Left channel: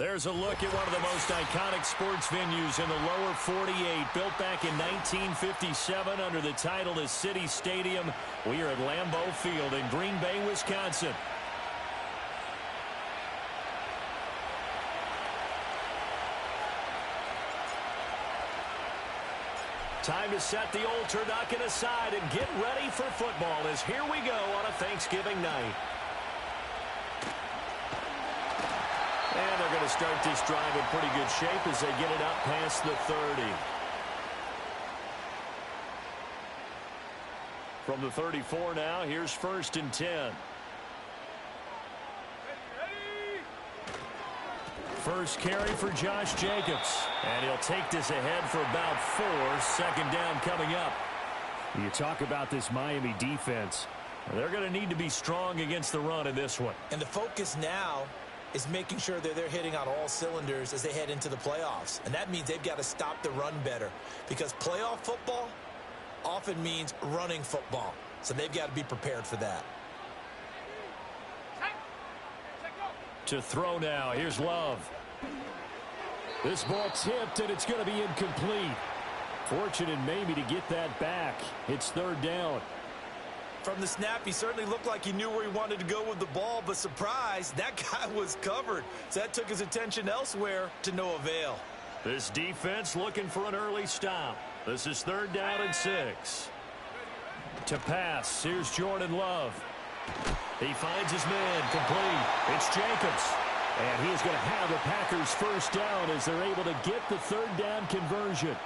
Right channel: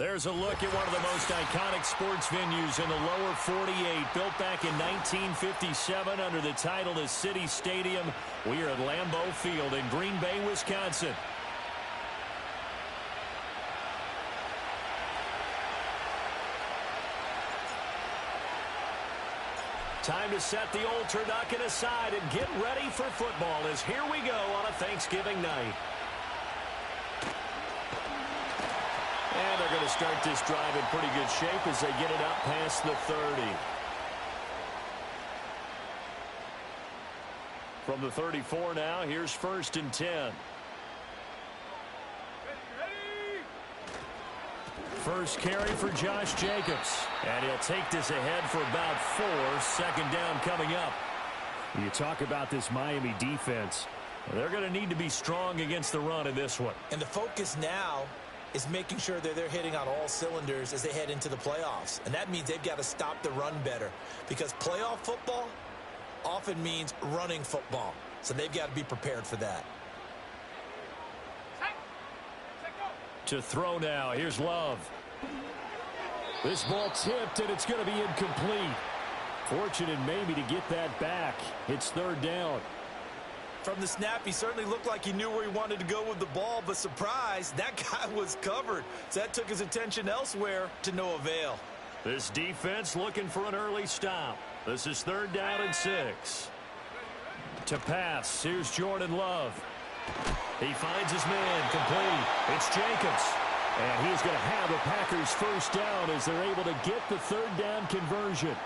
There's a look at one of the most iconic sports venues in the lower 48, built back in 1957 under the title of City Stadium. We are at Lambeau Field in Green Bay, Wisconsin. Time to set the old turducken aside and get ready for football as here we go on a Thanksgiving night. And they're going to start this drive in pretty good shape as they get it up past the 30. From the 34 now, here's 1st and 10. First carry for Josh Jacobs. And he'll take this ahead for about 4. 2nd down coming up. You talk about this Miami defense. They're going to need to be strong against the run in this one. And the focus now is making sure that they're hitting on all cylinders as they head into the playoffs. And that means they've got to stop the run better. Because playoff football often means running football. So they've got to be prepared for that. To throw now. Here's Love. This ball tipped, and it's going to be incomplete. Fortunate maybe to get that back. It's 3rd down. From the snap, he certainly looked like he knew where he wanted to go with the ball, but surprise, that guy was covered. So that took his attention elsewhere to no avail. This defense looking for an early stop. This is 3rd down and 6. To pass, here's Jordan Love. He finds his man, complete. It's Jacobs. And he is going to have a Packers 1st down as they're able to get the 3rd down conversion.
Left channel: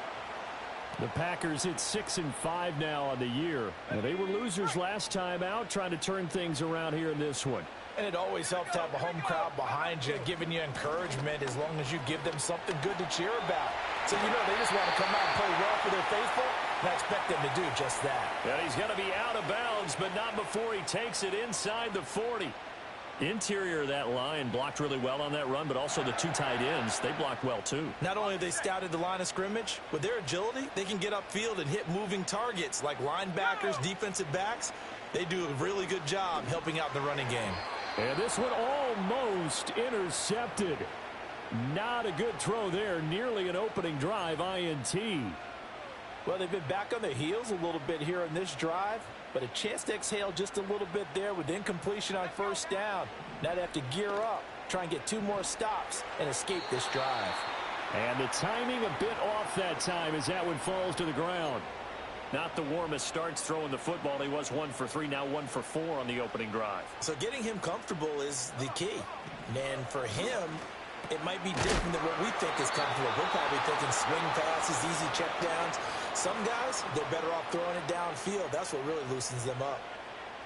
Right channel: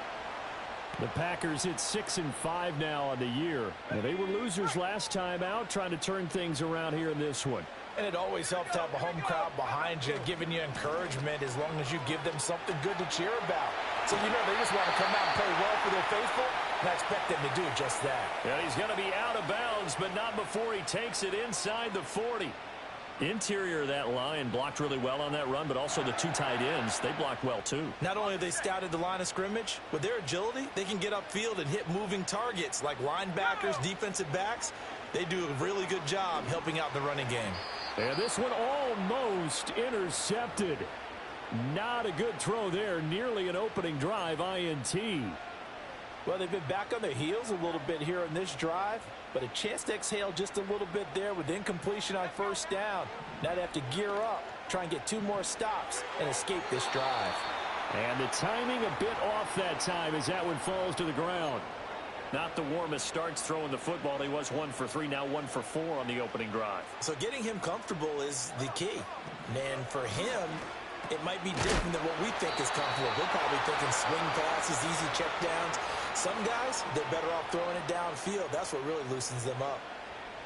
The Packers hit 6-5 now on the year. And they were losers last time out, trying to turn things around here in this one. And it always helps to have a home crowd behind you, giving you encouragement as long as you give them something good to cheer about. So, you know, they just want to come out and play well for their faithful, and I expect them to do just that. Yeah, he's going to be out of bounds, but not before he takes it inside the 40. Interior of that line blocked really well on that run, but also the 2 tight ends, they blocked well too. Not only have they scouted the line of scrimmage, with their agility, they can get upfield and hit moving targets like linebackers, defensive backs. They do a really good job helping out the running game. And this one almost intercepted. Not a good throw there. Nearly an opening drive INT. Well, they've been back on their heels a little bit here in this drive, but a chance to exhale just a little bit there with incompletion on 1st down. Now they have to gear up, try and get 2 more stops and escape this drive. And the timing a bit off that time as that one falls to the ground. Not the warmest starts throwing the football. He was 1 for 3, now 1 for 4 on the opening drive. So getting him comfortable is the key. And for him, it might be different than what we think is comfortable. We're probably thinking swing passes, easy checkdowns. Some guys, they're better off throwing it downfield. That's what really loosens them up.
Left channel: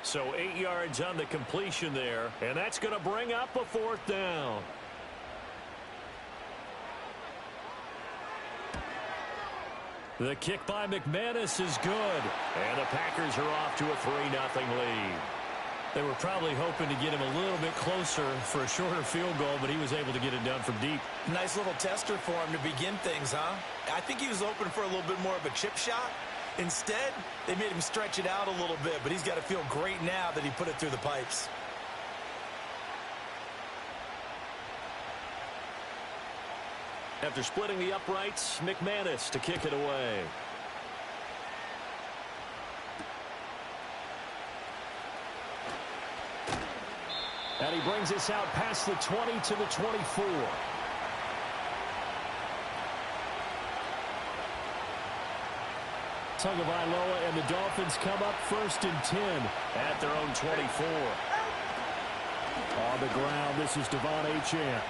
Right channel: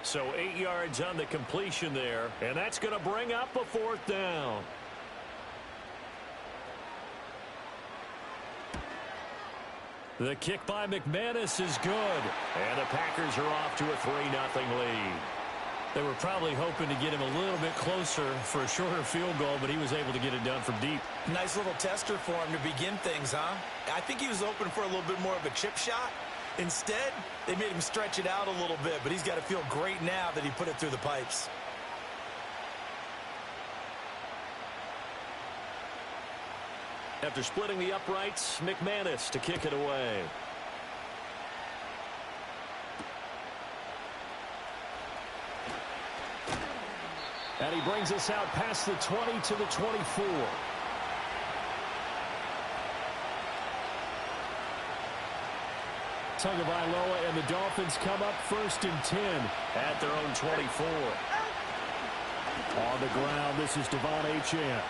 So 8 yards on the completion there, and that's going to bring up a 4th down. The kick by McManus is good, and the Packers are off to a 3-0 lead. They were probably hoping to get him a little bit closer for a shorter field goal, but he was able to get it done from deep. Nice little tester for him to begin things, huh? I think he was open for a little bit more of a chip shot. Instead, they made him stretch it out a little bit, but he's got to feel great now that he put it through the pipes. After splitting the uprights, McManus to kick it away. And he brings us out past the 20 to the 24. Tagovailoa and the Dolphins come up 1st and 10 at their own 24. On the ground, this is Devon Achane.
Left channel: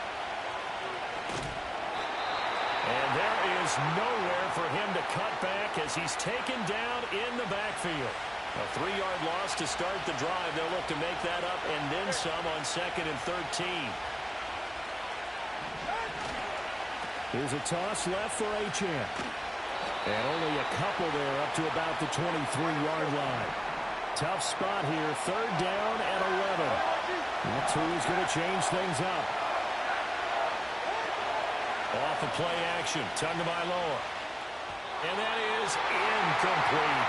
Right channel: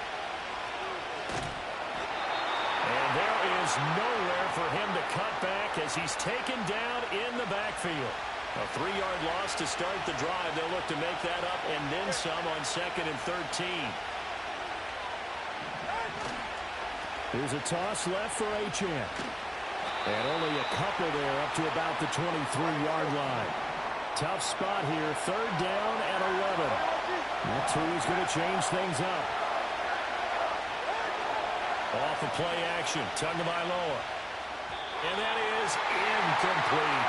And there is nowhere for him to cut back as he's taken down in the backfield. A 3-yard loss to start the drive. They'll look to make that up and then some on 2nd and 13. Here's a toss left for Achane. And only a couple there up to about the 23-yard line. Tough spot here. 3rd down and 11. That 2 is going to change things up. Off of play action, Tagovailoa. And that is incomplete.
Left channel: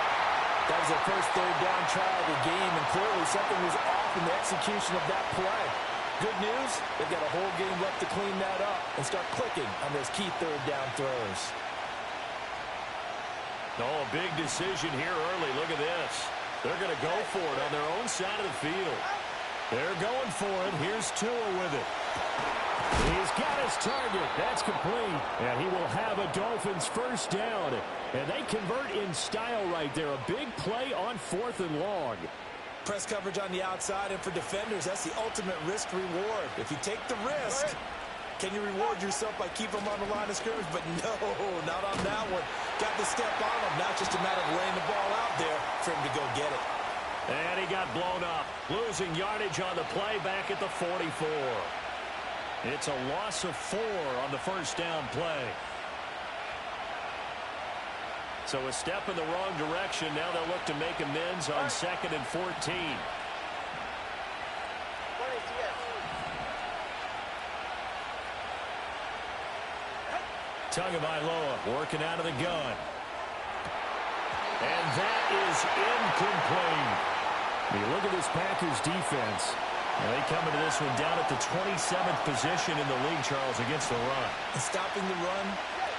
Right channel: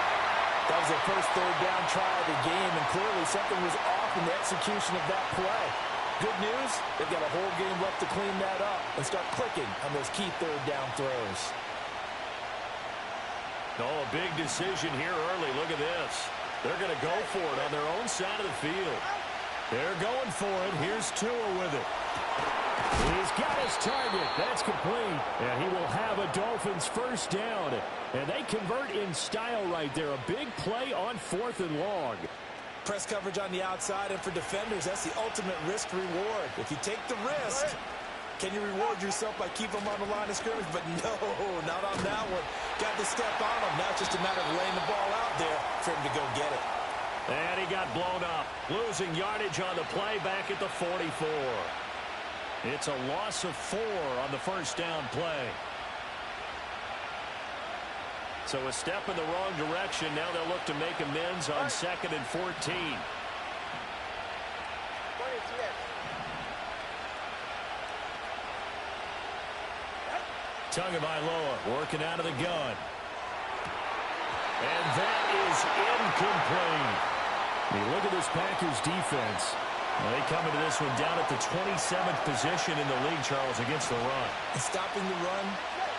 That was their first 3rd down try of the game, and clearly something was off in the execution of that play. Good news, they've got a whole game left to clean that up and start clicking on those key third down throws. Oh, a big decision here early. Look at this. They're going to go for it on their own side of the field. They're going for it. Here's Tua with it. He's got his target. That's complete. And he will have a Dolphins first down. And they convert in style right there. A big play on 4th and long. Press coverage on the outside, and for defenders, that's the ultimate risk-reward. If you take the risk, can you reward yourself by keeping them on the line of scrimmage? But no, not on that one. Got to step on them. Now it's just a matter of laying the ball out there for him to go get it. And he got blown up. Losing yardage on the play back at the 44. It's a loss of 4 on the first down play. So a step in the wrong direction. Now they'll look to make amends on 2nd and 14. Tagovailoa working out of the gun. And that is incomplete. I mean, look at this Packers defense. Now they come into this one down at the 27th position in the league, Charles, against the run. And stopping the run,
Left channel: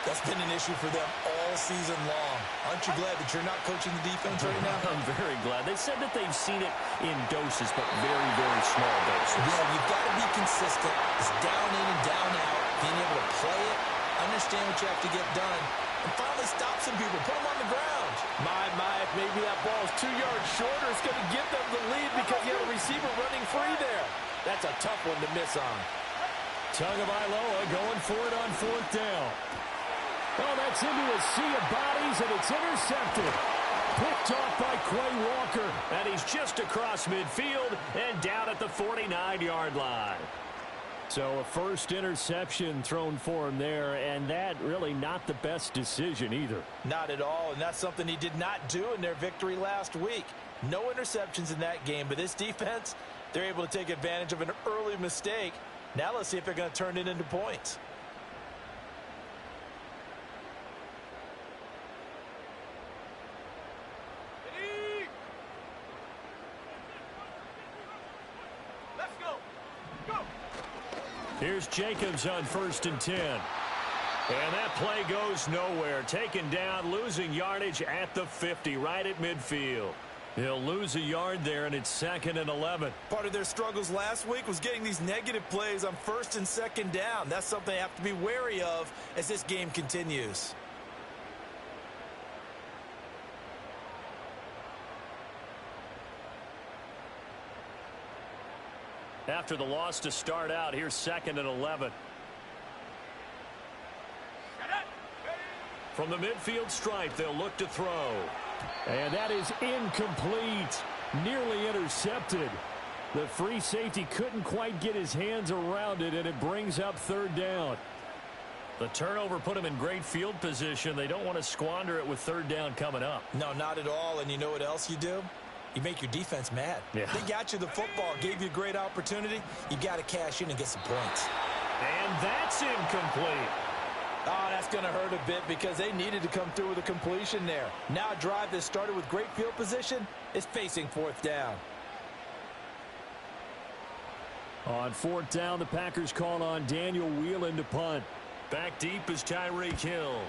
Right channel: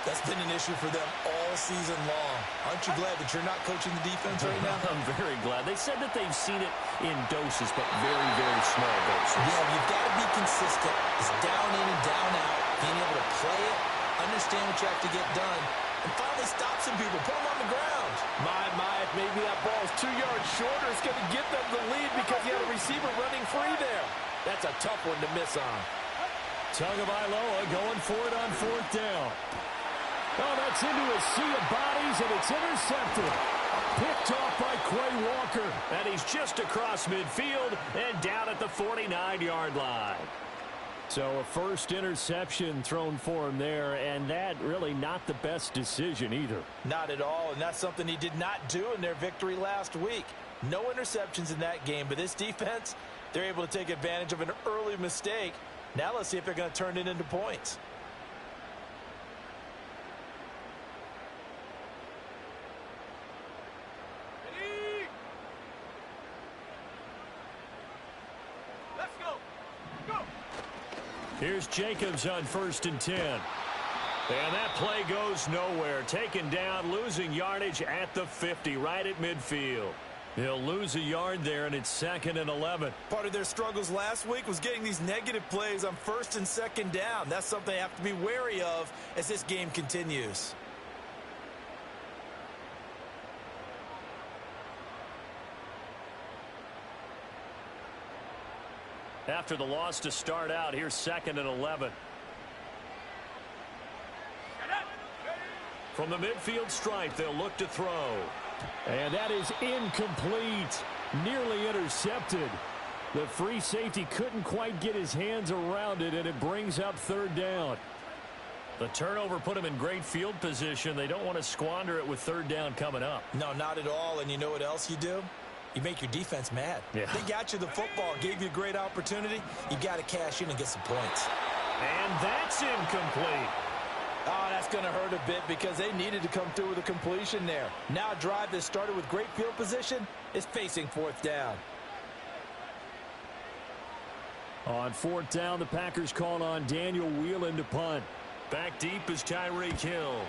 that's been an issue for them all season long. Aren't you glad that you're not coaching the defense right now? I'm very glad. They said that they've seen it in doses, but very, very small doses. Yeah, you've got to be consistent. It's down in and down out. Being able to play it, understand what you have to get done, and finally stop some people, put them on the ground. My, if maybe that ball's 2 yards shorter, it's going to give them the lead because you have a receiver running free there. That's a tough one to miss on. Tagovailoa going for it on 4th down. Oh, that's into a sea of bodies, and it's intercepted. Picked off by Quay Walker. And he's just across midfield and down at the 49-yard line. So a first interception thrown for him there, and that really not the best decision either. Not at all, and that's something he did not do in their victory last week. No interceptions in that game, but this defense, they're able to take advantage of an early mistake. Now let's see if they're going to turn it into points. Here's Jacobs on 1st and 10. And that play goes nowhere. Taken down, losing yardage at the 50, right at midfield. He'll lose a yard there, and it's 2nd and 11. Part of their struggles last week was getting these negative plays on 1st and 2nd down. That's something they have to be wary of as this game continues. After the loss to start out, here's 2nd and 11. From the midfield stripe, they'll look to throw. And that is incomplete. Nearly intercepted. The free safety couldn't quite get his hands around it, and it brings up 3rd down. The turnover put him in great field position. They don't want to squander it with 3rd down coming up. No, not at all. And you know what else you do? You make your defense mad. Yeah. They got you the football, gave you a great opportunity. You got to cash in and get some points. And that's incomplete. Oh, that's going to hurt a bit because they needed to come through with a completion there. Now a drive that started with great field position is facing 4th down. On 4th down, the Packers call on Daniel Whelan to punt. Back deep is Tyreek Hill.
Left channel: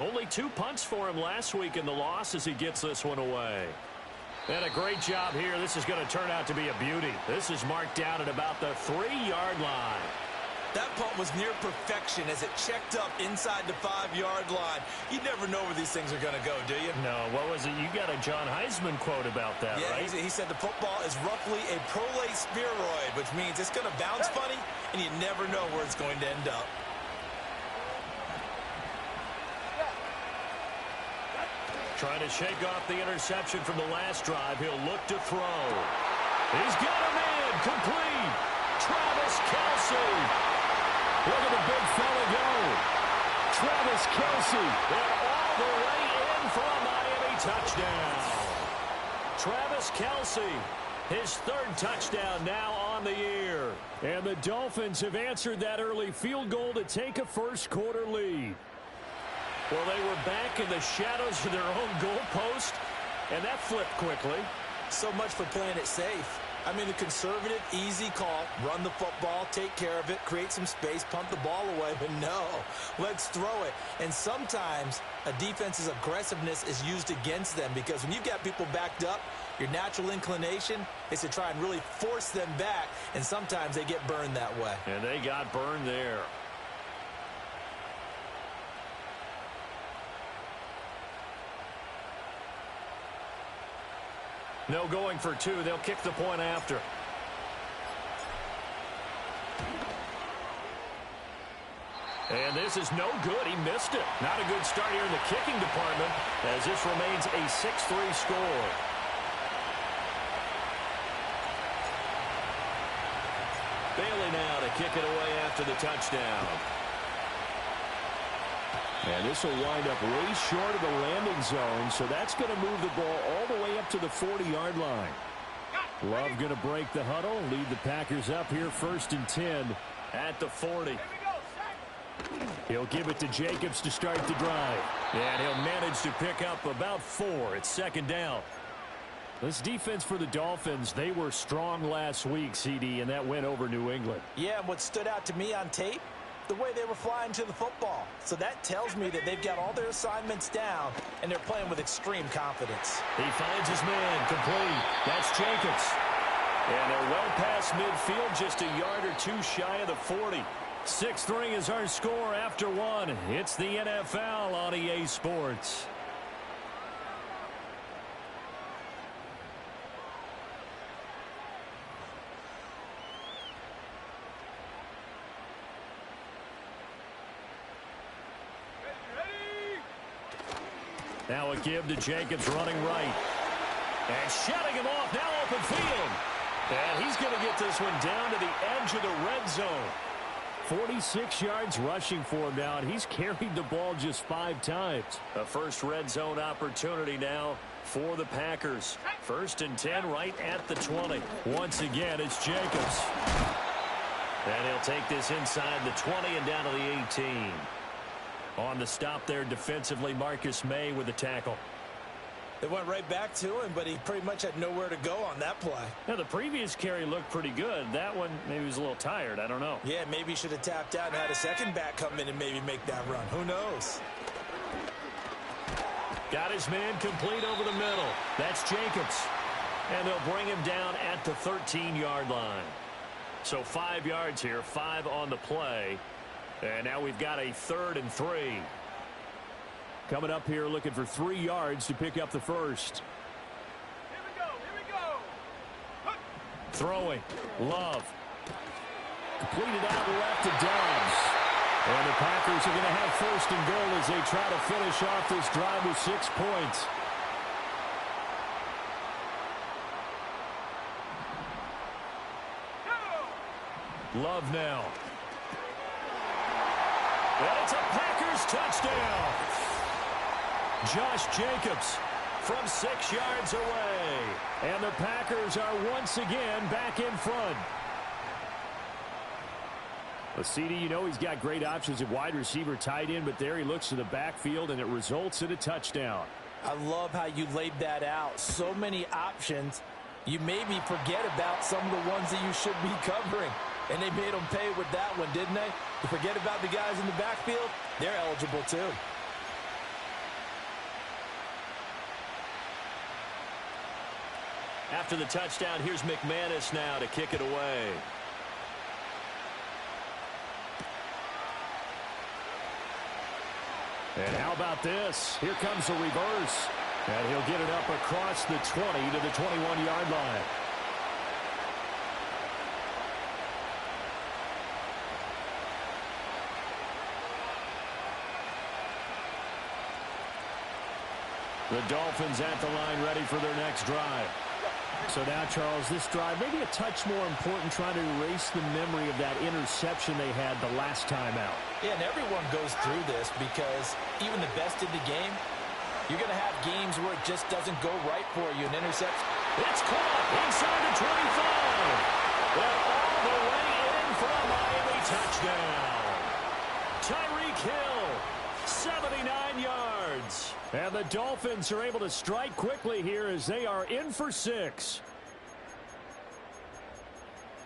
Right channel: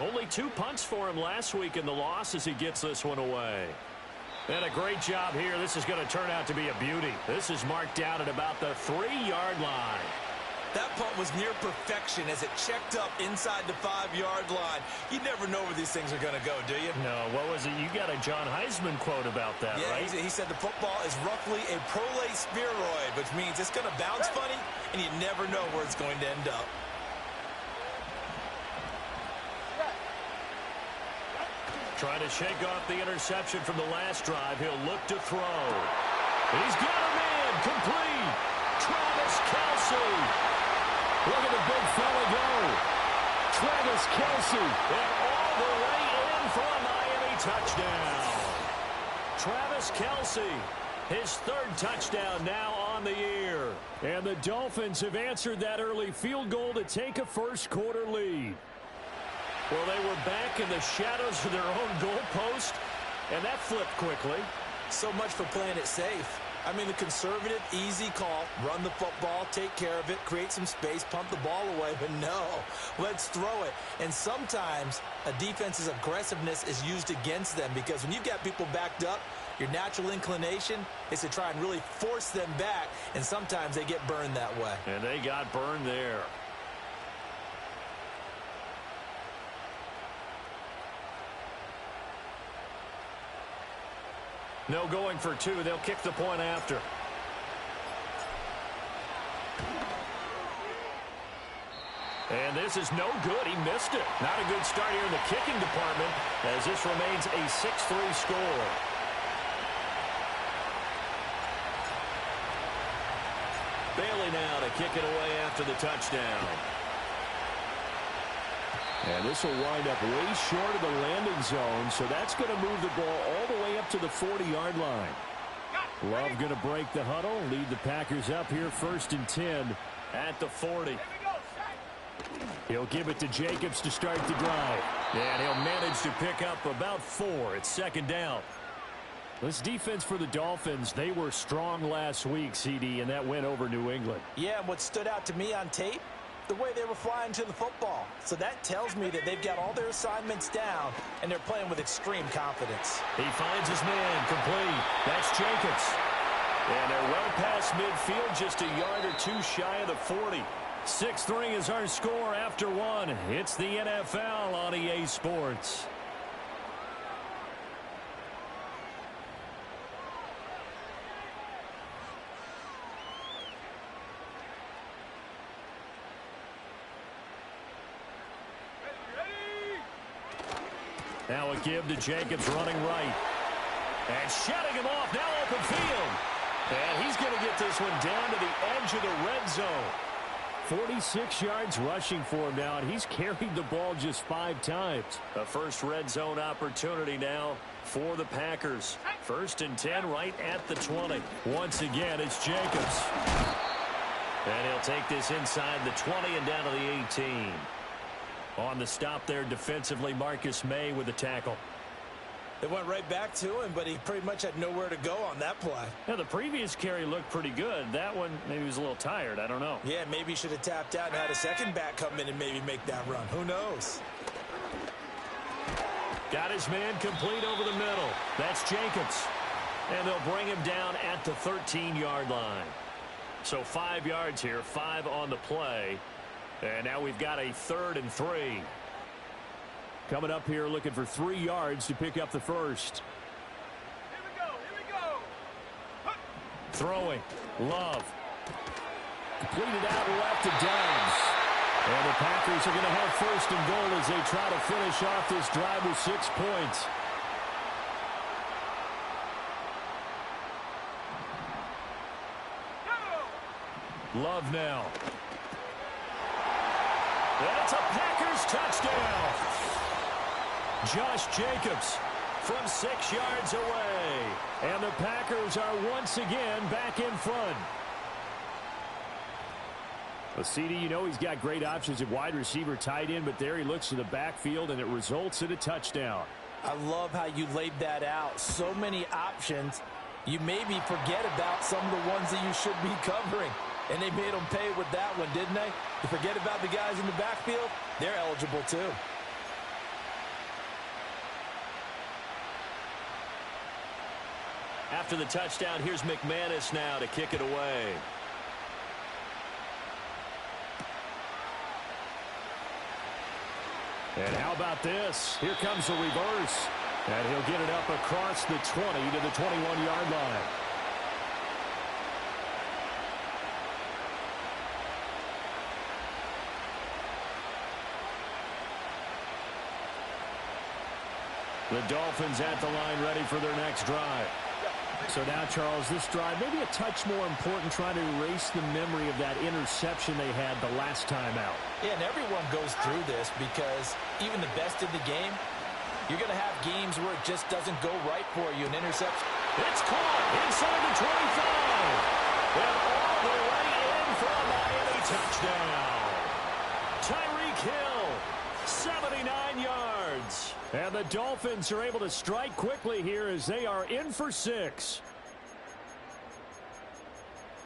Only 2 punts for him last week in the loss as he gets this one away. And a great job here. This is going to turn out to be a beauty. This is marked down at about the 3-yard line. That punt was near perfection as it checked up inside the 5-yard line. You never know where these things are going to go, do you? No, what was it? You got a John Heisman quote about that, yeah, right? He said the football is roughly a prolate spheroid, which means it's going to bounce funny, and you never know where it's going to end up. Trying to shake off the interception from the last drive. He'll look to throw. He's got a man complete. Travis Kelce. Look at the big fella go. Travis Kelce. And all the way in for a Miami touchdown. Travis Kelce, his 3rd touchdown now on the year. And the Dolphins have answered that early field goal to take a first-quarter lead. Well, they were back in the shadows of their own goalpost, and that flipped quickly. So much for playing it safe. I mean, the conservative, easy call, run the football, take care of it, create some space, pump the ball away, but no, let's throw it. And sometimes a defense's aggressiveness is used against them because when you've got people backed up, your natural inclination is to try and really force them back, and sometimes they get burned that way. And they got burned there. No going for two. They'll kick the point after. And this is no good. He missed it. Not a good start here in the kicking department as this remains a 6-3 score. Bailey now to kick it away after the touchdown. And this will wind up way short of the landing zone, so that's going to move the ball all the way up to the 40-yard line. Love going to break the huddle, lead the Packers up here 1st and 10 at the 40. He'll give it to Jacobs to start the drive. And he'll manage to pick up about 4. It's 2nd down. This defense for the Dolphins, they were strong last week, CD, and that went over New England. Yeah, and what stood out to me on tape, the way they were flying to the football. So that tells me that they've got all their assignments down, and they're playing with extreme confidence. He finds his man complete. That's Jacobs. And they're well past midfield, just a yard or two shy of the 40. 6-3 is our score after 1. It's the NFL on EA Sports. Now a give to Jacobs running right. And shutting him off, now open field. And he's going to get this one down to the edge of the red zone. 46 yards rushing for him now, and he's carried the ball just 5 times. A first red zone opportunity now for the Packers. 1st and 10 right at the 20. Once again, it's Jacobs. And he'll take this inside the 20 and down to the 18. On the stop there defensively, Marcus May with the tackle. They went right back to him, but he pretty much had nowhere to go on that play. Now, the previous carry looked pretty good. That one, maybe he was a little tired. I don't know. Yeah, maybe he should have tapped out and had a second back come in and maybe make that run. Who knows? Got his man complete over the middle. That's Jacobs. And they'll bring him down at the 13-yard line. So 5 yards here, 5 on the play. And now we've got a 3rd and 3. Coming up here looking for 3 yards to pick up the first. Here we go. Throwing. Love. Completed out left to Dobbs. And the Packers are going to have 1st and goal as they try to finish off this drive with 6 points. Love now. And it's a Packers touchdown. Josh Jacobs from 6 yards away. And the Packers are once again back in front. Well, CD, you know he's got great options at wide receiver, tight end, but there he looks to the backfield, and it results in a touchdown. I love how you laid that out. So many options. You maybe forget about some of the ones that you should be covering. And they made them pay with that one, didn't they? You forget about the guys in the backfield, they're eligible too. After the touchdown, here's McManus now to kick it away. And how about this? Here comes the reverse. And he'll get it up across the 20 to the 21-yard line. The Dolphins at the line ready for their next drive. So now, Charles, this drive maybe a touch more important, trying to erase the memory of that interception they had the last time out. Yeah, and everyone goes through this because even the best in the game, you're going to have games where it just doesn't go right for you. An interception. It's caught inside the 25. And all the way in for a Miami touchdown. Tyreek Hill, 79 yards. And the Dolphins are able to strike quickly here as they are in for 6.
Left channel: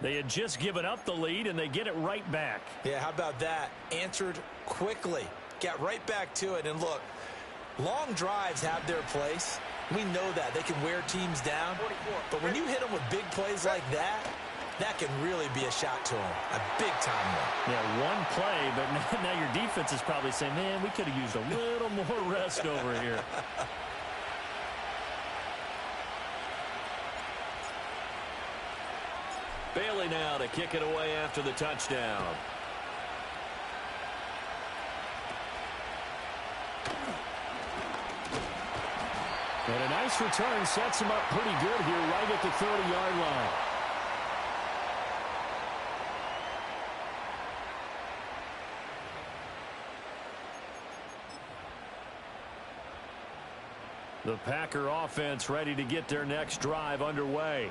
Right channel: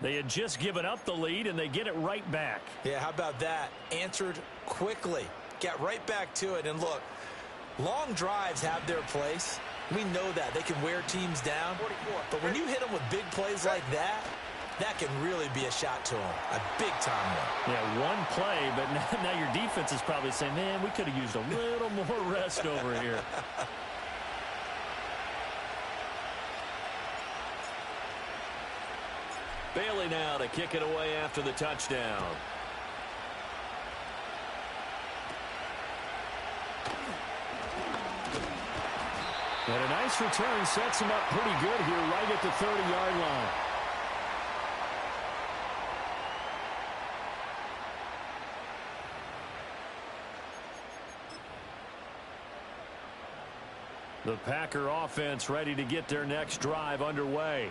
They had just given up the lead, and they get it right back. Yeah, how about that? Answered quickly. Got right back to it. And look, long drives have their place. We know that. They can wear teams down. But when you hit them with big plays like that, that can really be a shot to them. A big-time one. Yeah, one play, but now your defense is probably saying, man, we could have used a little more rest over here. Bailey now to kick it away after the touchdown. And a nice return sets him up pretty good here right at the 30-yard line. The Packer offense ready to get their next drive underway.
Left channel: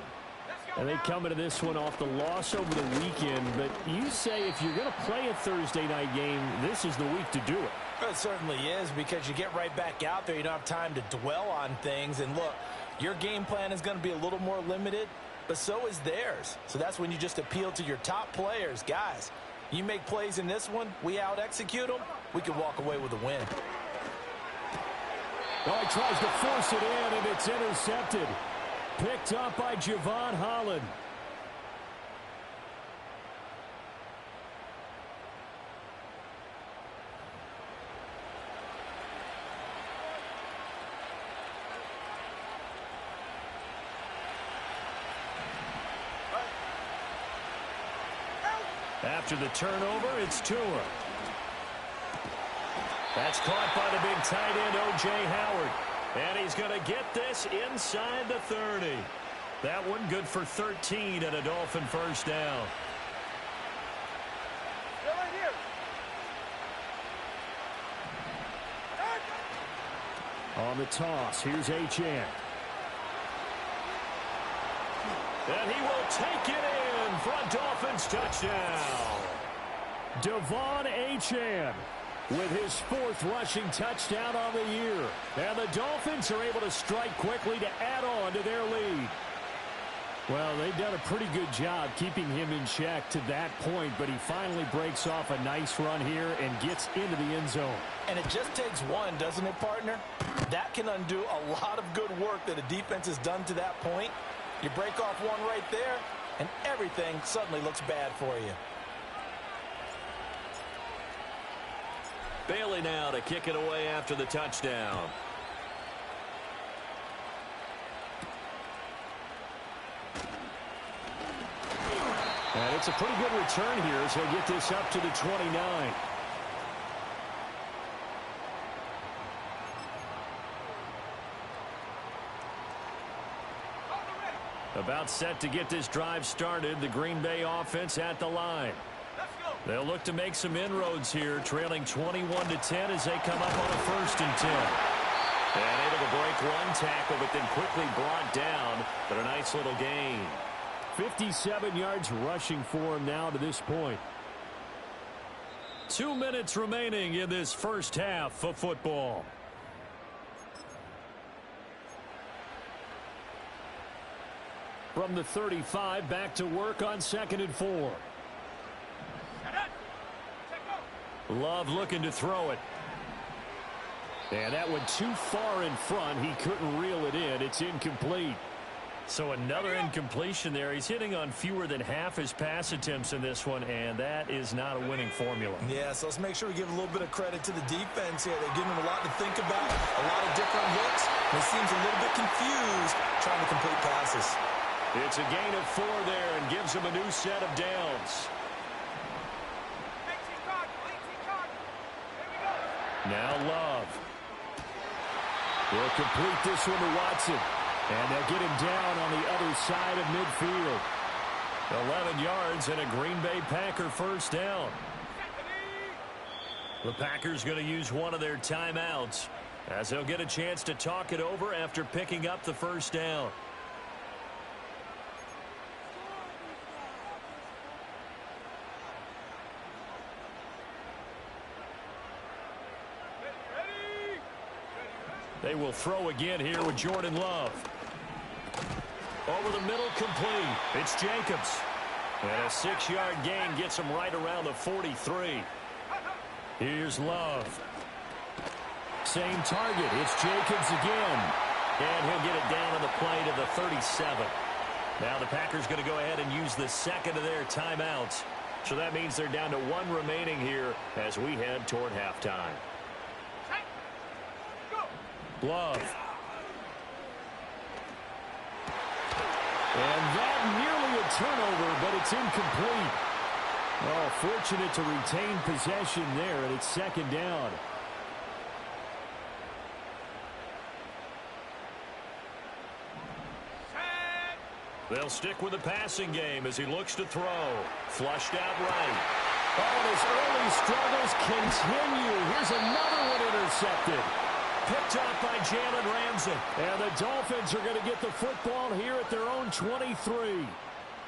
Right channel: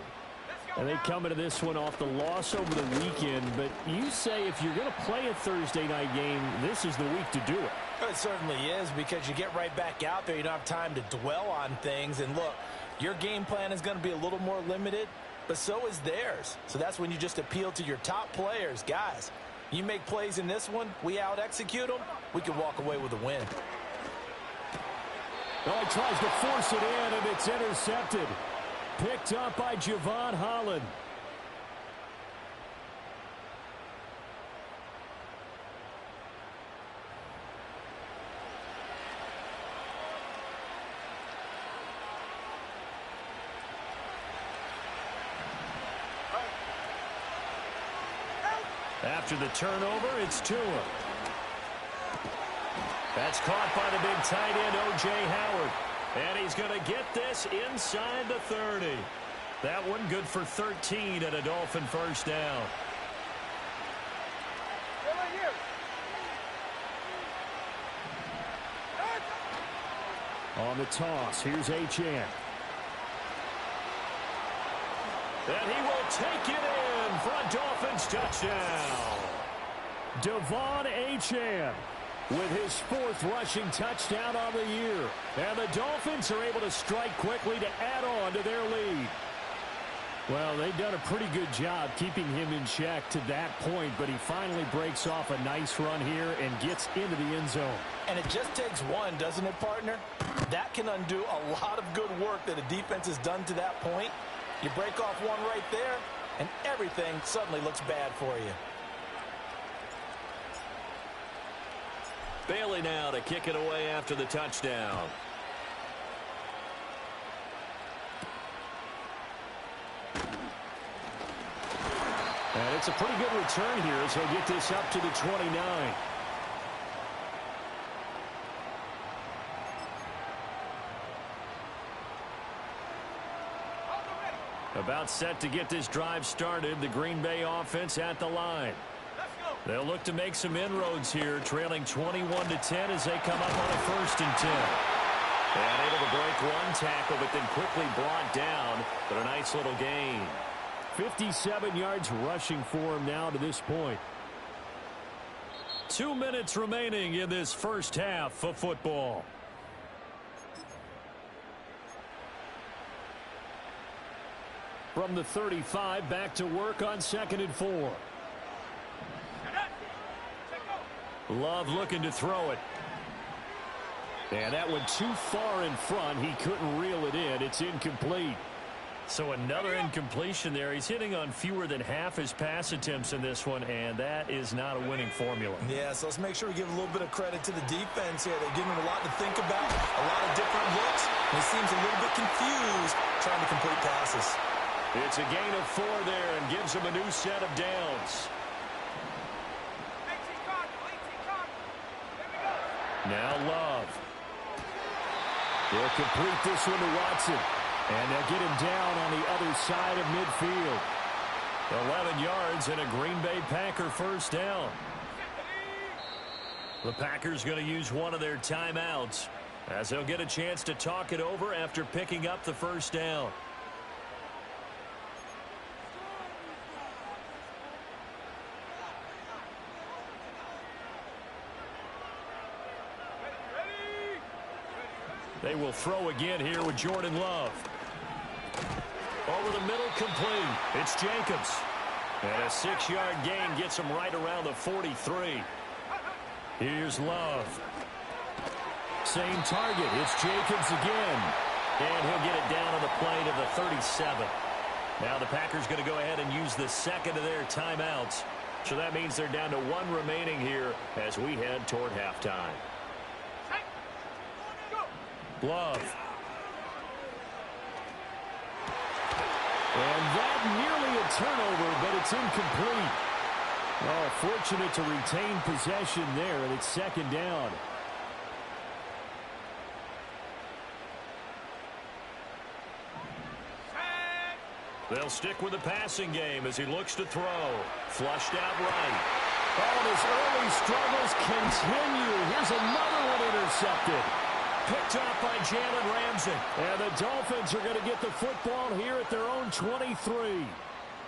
And they come into this one off the loss over the weekend, but you say if you're going to play a Thursday night game, this is the week to do it. It certainly is, because you get right back out there. You don't have time to dwell on things. And look, your game plan is going to be a little more limited, but so is theirs. So that's when you just appeal to your top players. Guys, you make plays in this one, we out-execute them, we can walk away with a win. Oh, he tries to force it in, and it's intercepted. Picked up by Javon Holland. After the turnover, it's Tua. That's caught by the big tight end, O.J. Howard. And he's going to get this inside the 30. That one good for 13 and a Dolphin first down. On the toss, here's Achane. And he will take it in for a Dolphins touchdown. Devon Achane with his fourth rushing touchdown on the year. And the Dolphins are able to strike quickly to add on to their lead. Well, they've done a pretty good job keeping him in check to that point, but he finally breaks off a nice run here and gets into the end zone. And it just takes one, doesn't it, partner? That can undo a lot of good work that a defense has done to that point. You break off one right there, and everything suddenly looks bad for you. Bailey now to kick it away after the touchdown. And it's a pretty good return here as he'll get this up to the 29. About set to get this drive started. The Green Bay offense at the line. They'll look to make some inroads here, trailing 21-10 as they come up on a 1st and 10. And able to break one tackle, but then quickly brought down, but a nice little gain. 57 yards rushing for him now to this point. 2 minutes remaining in this first half of football. From the 35, back to work on 2nd and 4. Love looking to throw it. And that went too far in front. He couldn't reel it in. It's incomplete. So another incompletion there. He's hitting on fewer than half his pass attempts in this one, and that is not a winning formula. Yeah, so let's make sure we give a little bit of credit to the defense here. They're giving him a lot to think about, a lot of different looks, and he seems a little bit confused trying to complete passes. It's a gain of 4 there and gives him a new set of downs. Now Love. They'll complete this one to Watson. And they'll get him down on the other side of midfield. 11 yards and a Green Bay Packer first down. The Packers going to use one of their timeouts as they'll get a chance to talk it over after picking up the first down. They will throw again here with Jordan Love. Over the middle, complete. It's Jacobs. And a 6-yard gain gets him right around the 43. Here's Love. Same target. It's Jacobs again. And he'll get it down on the play to the 37. Now the Packers going to go ahead and use the second of their timeouts. So that means they're down to 1 remaining here as we head toward halftime. Love. And that nearly a turnover, but it's incomplete. Oh, fortunate to retain possession there, and it's second down. They'll stick with the passing game as he looks to throw. Flushed out right. Oh, and his early struggles continue. Here's another one intercepted. Picked up by Jalen Ramsey. And the Dolphins are going to get the football here at their own 23.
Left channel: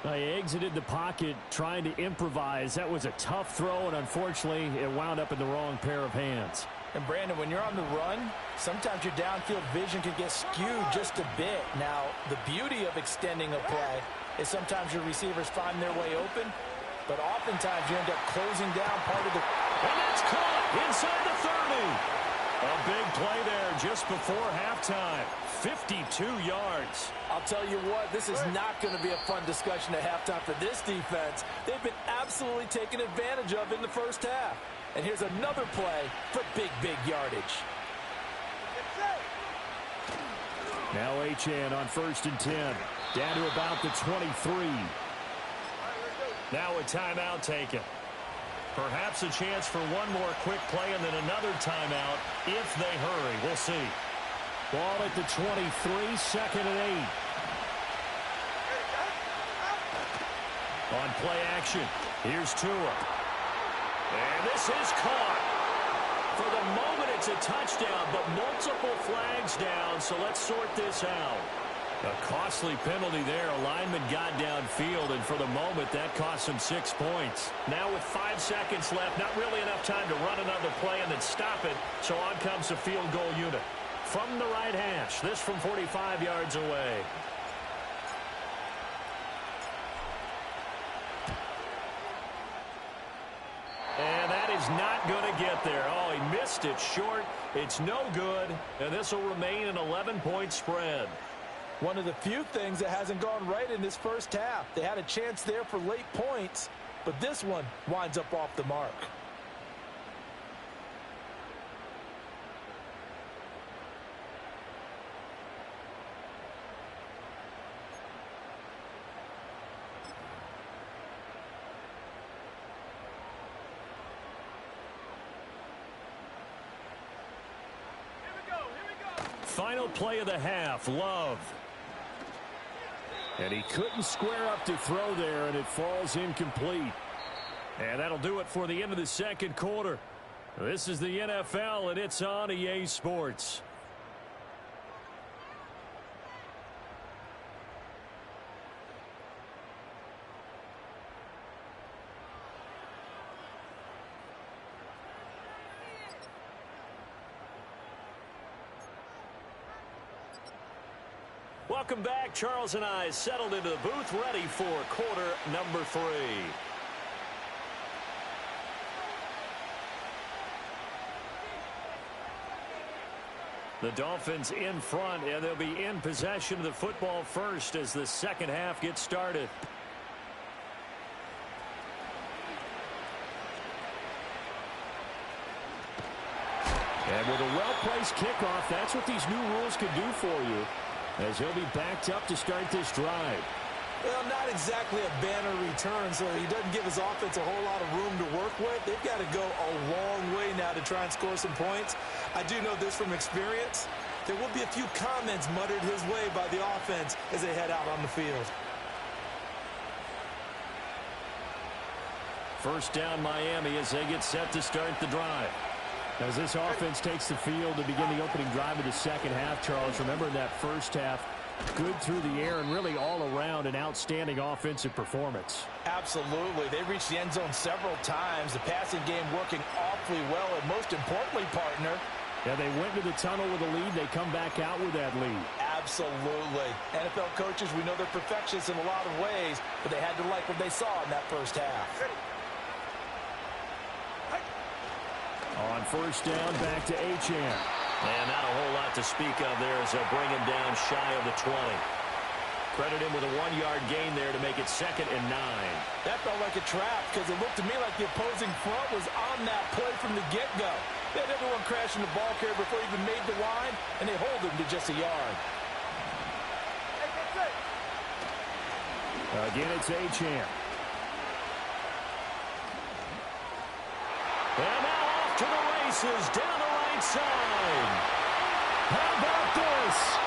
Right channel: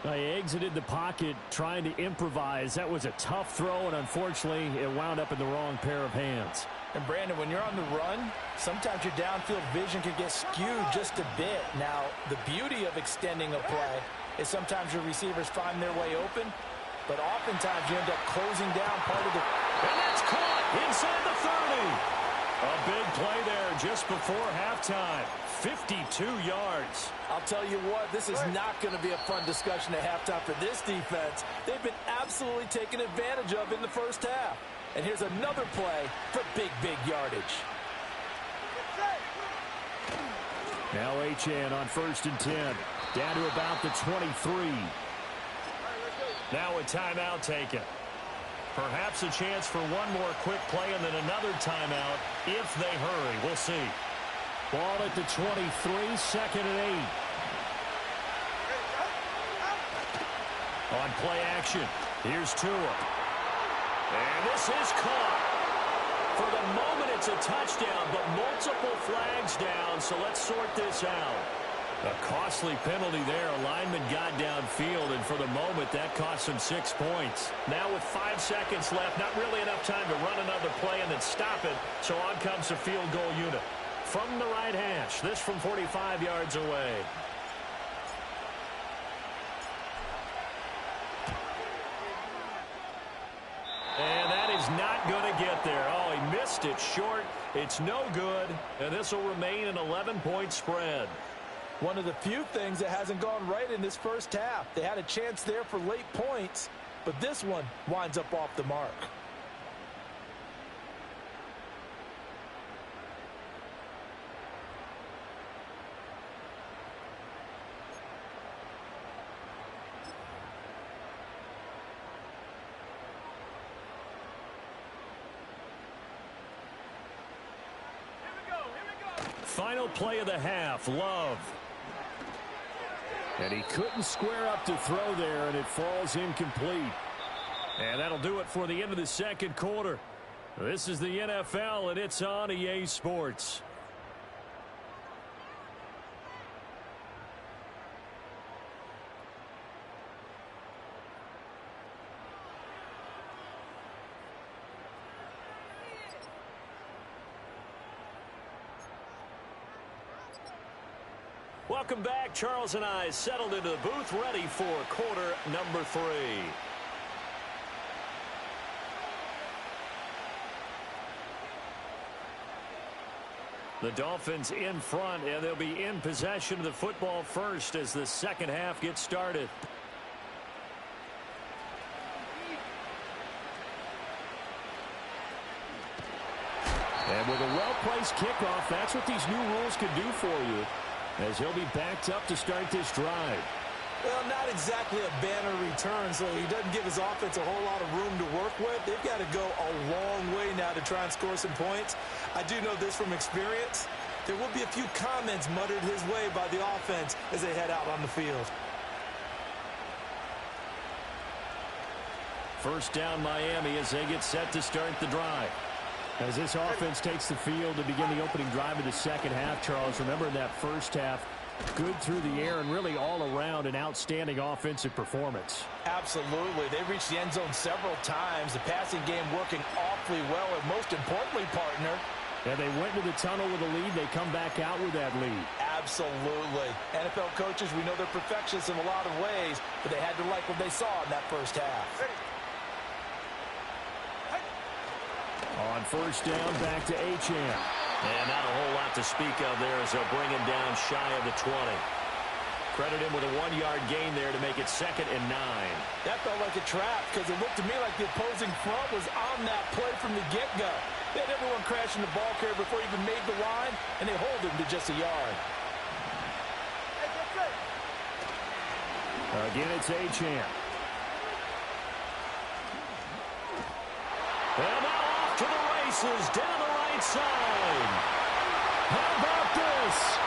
They exited the pocket trying to improvise. That was a tough throw, and unfortunately, it wound up in the wrong pair of hands. And, Brandon, when you're on the run, sometimes your downfield vision can get skewed just a bit. Now, the beauty of extending a play is sometimes your receivers find their way open, but oftentimes you end up closing down part of the... And that's caught inside the 30. A big play there just before halftime. 52 yards. I'll tell you what, this is not going to be a fun discussion at halftime for this defense. They've been absolutely taken advantage of in the first half. And here's another play for big yardage. Now HN on 1st and 10. Down to about the 23. Now a timeout taken. Perhaps a chance for one more quick play and then another timeout if they hurry. We'll see. Ball at the 23, 2nd and 8. On play action, here's Tua. And this is caught. For the moment, it's a touchdown, but multiple flags down, so let's sort this out. A costly penalty there. A lineman got downfield, and for the moment, that cost him 6 points. Now with 5 seconds left, not really enough time to run another play and then stop it, so on comes the field goal unit. From the right hash, this from 45 yards away. And that is not going to get there. Oh, he missed it short. It's no good, and this will remain an 11-point spread. One of the few things that hasn't gone right in this first half. They had a chance there for late points, but this one winds up off the mark. Final play of the half, Love. And he couldn't square up to throw there, and it falls incomplete. And that'll do it for the end of the second quarter. This is the NFL, and it's on EA Sports. Welcome back. Charles and I settled into the booth, ready for quarter number 3. The Dolphins in front, and they'll be in possession of the football first as the second half gets started. And with a well-placed kickoff, that's what these new rules can do for you, as he'll be backed up to start this drive. Well, not exactly a banner return, so he doesn't give his offense a whole lot of room to work with. They've got to go a long way now to try and score some points. I do know this from experience. There will be a few comments muttered his way by the offense as they head out on the field. First down, Miami, as they get set to start the drive. As this offense takes the field to begin the opening drive of the second half, Charles, remember in that first half, good through the air and really all around an outstanding offensive performance. Absolutely. They reached the end zone several times. The passing game working awfully well, and most importantly, partner, Yeah, they went to the tunnel with a lead. They come back out with that lead. Absolutely. NFL coaches, we know they're perfectionists in a lot of ways, but they had to like what they saw in that first half. On first down, back to Achane. And not a whole lot to speak of there as they'll bring him down shy of the 20. Credit him with a 1-yard gain there to make it 2nd and 9. That felt like a trap because it looked to me like the opposing front was on that play from the get-go. They had everyone crashing the ball carrier before he even made the line, and they hold him to just a yard. Again, it's Achane. And now off to the races down the right side. How about this?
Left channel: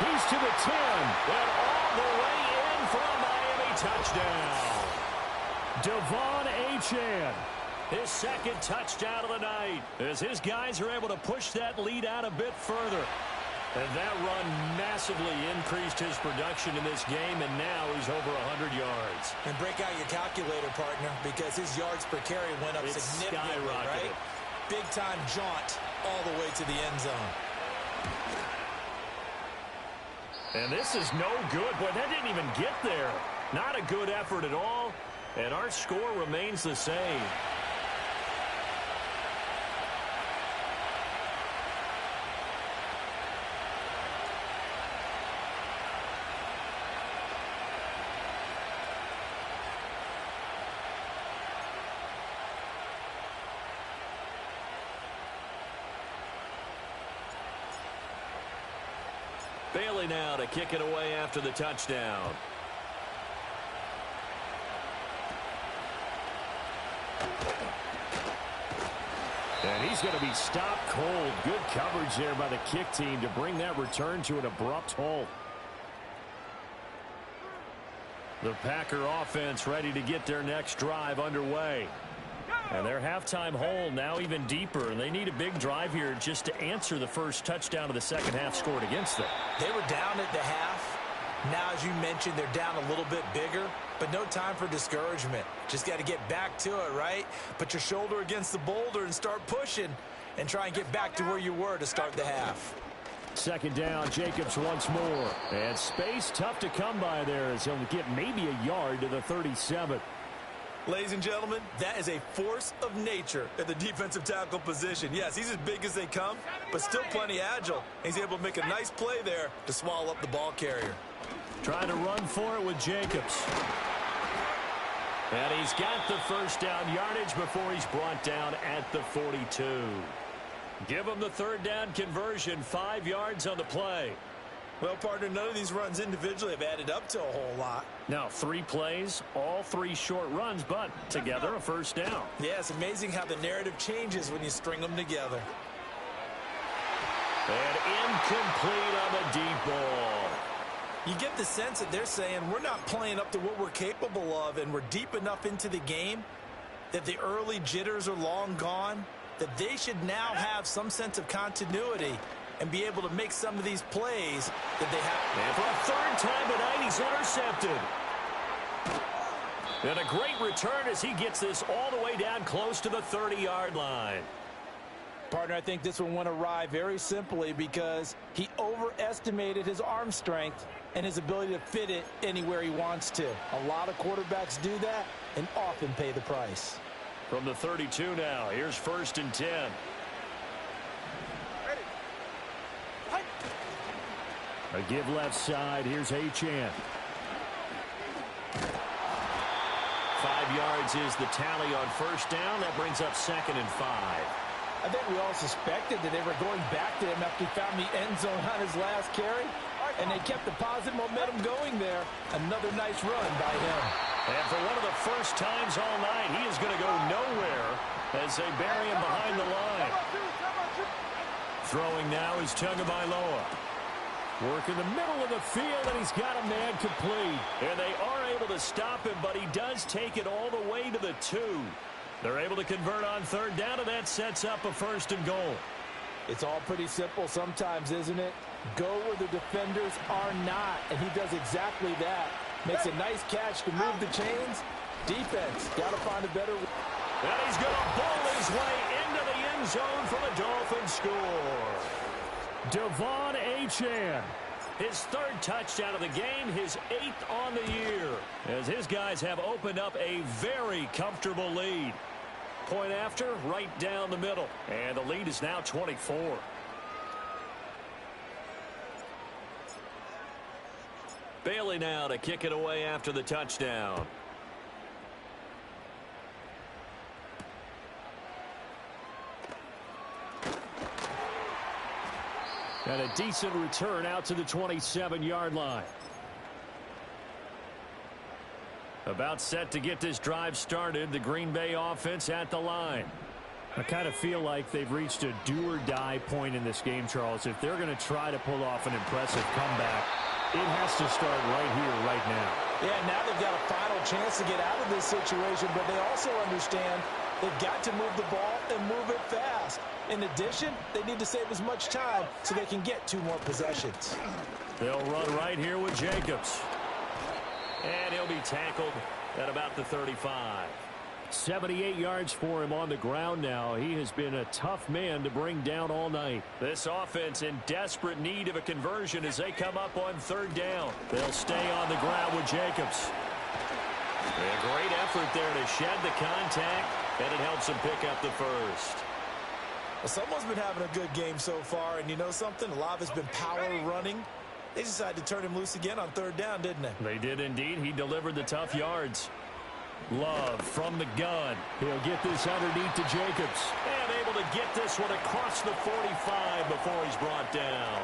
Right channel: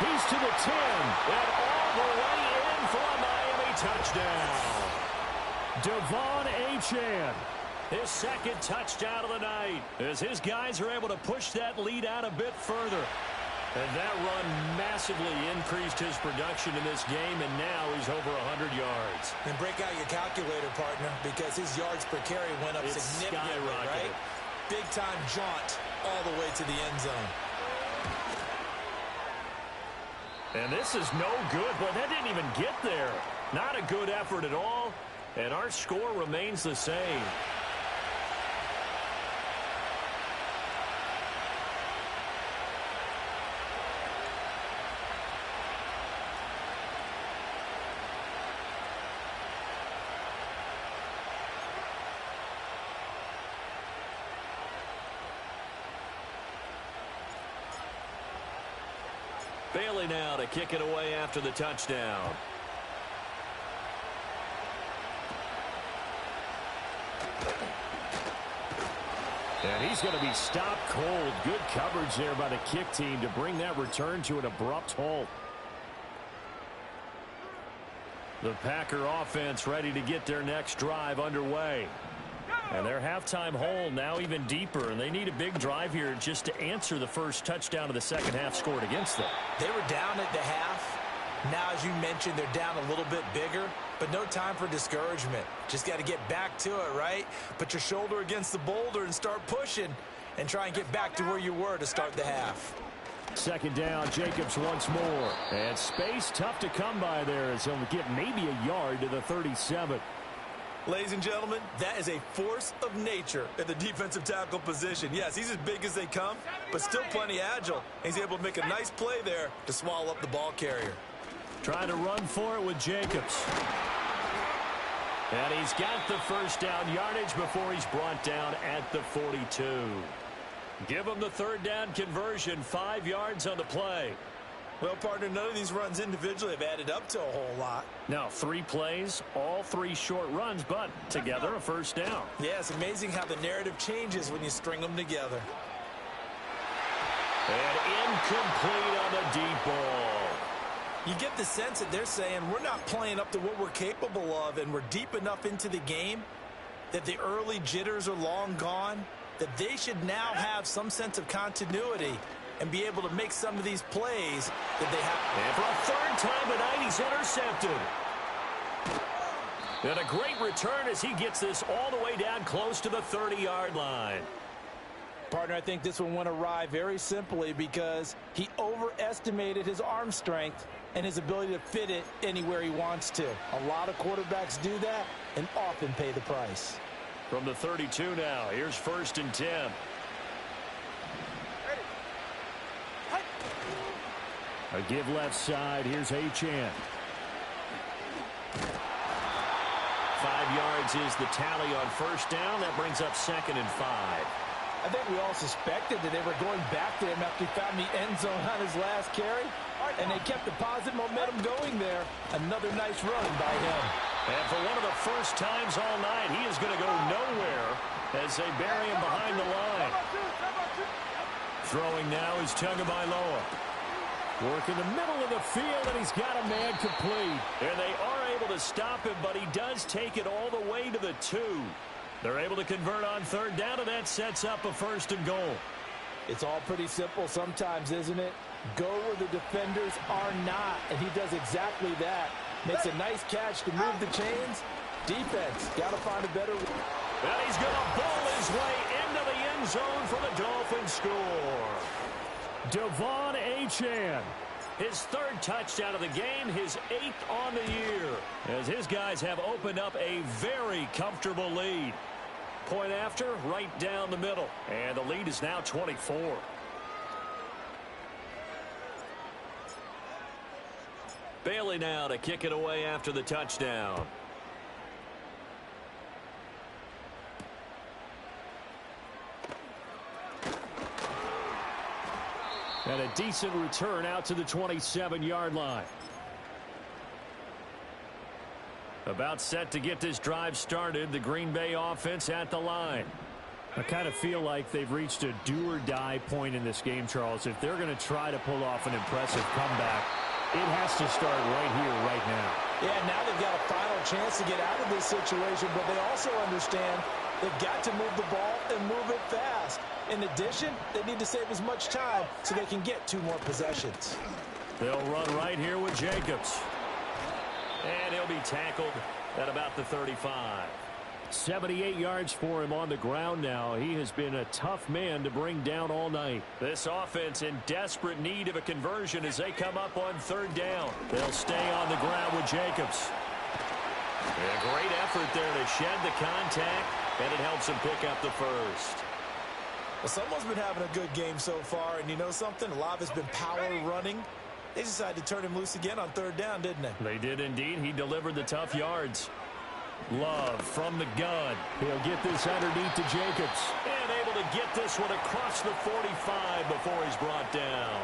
He's to the 10. And all the way in for a Miami touchdown. Devon Achane. His 2nd touchdown of the night as his guys are able to push that lead out a bit further. And that run massively increased his production in this game, and now he's over 100 yards. And break out your calculator, partner, because his yards per carry went up significantly, right? Big-time jaunt all the way to the end zone. And this is no good. Boy, that didn't even get there. Not a good effort at all, and our score remains the same. Bailey now to kick it away after the touchdown. And he's going to be stopped cold. Good coverage there by the kick team to bring that return to an abrupt halt. The Packer offense ready to get their next drive underway. And their halftime hole now even deeper, and they need a big drive here just to answer the first touchdown of the second half scored against them. They were down at the half. Now, as you mentioned, they're down a little bit bigger, but no time for discouragement. Just got to get back to it, right? Put your shoulder against the boulder and start pushing and try and get back to where you were to start the half. 2nd down, Jacobs once more. And space tough to come by there as he'll get maybe a yard to the 37. Ladies and gentlemen, that is a force of nature at the defensive tackle position. Yes, he's as big as they come, but still plenty agile. He's able to make a nice play there to swallow up the ball carrier. Trying to run for it with Jacobs. And he's got the first down yardage before he's brought down at the 42. Give him the 3rd down conversion, 5 yards on the play. Well, partner, none of these runs individually have added up to a whole lot. Now 3 plays, all 3 short runs, but together a first down. Yeah, it's amazing how the narrative changes when you string them together. And incomplete on the deep ball. You get the sense that they're saying we're not playing up to what we're capable of, and we're deep enough into the game that the early jitters are long gone, that they should now have some sense of continuity and be able to make some of these plays that they have. And for a 3rd time tonight, he's intercepted. And a great return as he gets this all the way down close to the 30-yard line. Partner, I think this one went awry very simply because he overestimated his arm strength and his ability to fit it anywhere he wants to. A lot of quarterbacks do that and often pay the price. From the 32 now, here's 1st and 10. A give left side. Here's Achane. 5 yards is the tally on first down. That brings up 2nd and 5. I think we all suspected that they were going back to him after he found the end zone on his last carry, and they kept the positive momentum going there. Another nice run by him. And for one of the first times all night, he is going to go nowhere as they bury him behind the line. Throwing now is Tagovailoa. Work in the middle of the field, and he's got a man complete. And they are able to stop him, but he does take it all the way to the 2. They're able to convert on 3rd down, and that sets up a 1st and goal. It's all pretty simple sometimes, isn't it? Go where the defenders are not, and he does exactly that. Makes a nice catch to move the chains. Defense, got to find a better way. And he's going to bowl his way into the end zone for the Dolphins score. Devon Achane. His third touchdown of the game, his 8th on the year, as his guys have opened up a very comfortable lead. Point after, right down the middle, and the lead is now 24. Bailey now to kick it away after the touchdown. And a decent return out to the 27-yard line. About set to get this drive started, the Green Bay offense at the line. I kind of feel like they've reached a do-or-die point in this game, Charles. If they're going to try to pull off an impressive comeback, it has to start right here, right now. Yeah, now they've got a final chance to get out of this situation, but they also understand they've got to move the ball and move it fast. In addition, they need to save as much time so they can get 2 more possessions. They'll run right here with Jacobs. And he'll be tackled at about the 35. 78 yards for him on the ground now. He has been a tough man to bring down all night. This offense in desperate need of a conversion as they come up on 3rd down. They'll stay on the ground with Jacobs. A great effort there to shed the contact, and it helps him pick up the first. Well, someone's been having a good game so far, and you know something? A lot of it's been power running. They decided to turn him loose again on 3rd down, didn't they? They did indeed. He delivered the tough yards. Love from the gun. He'll get this underneath to Jacobs. And able to get this one across the 45 before he's brought down.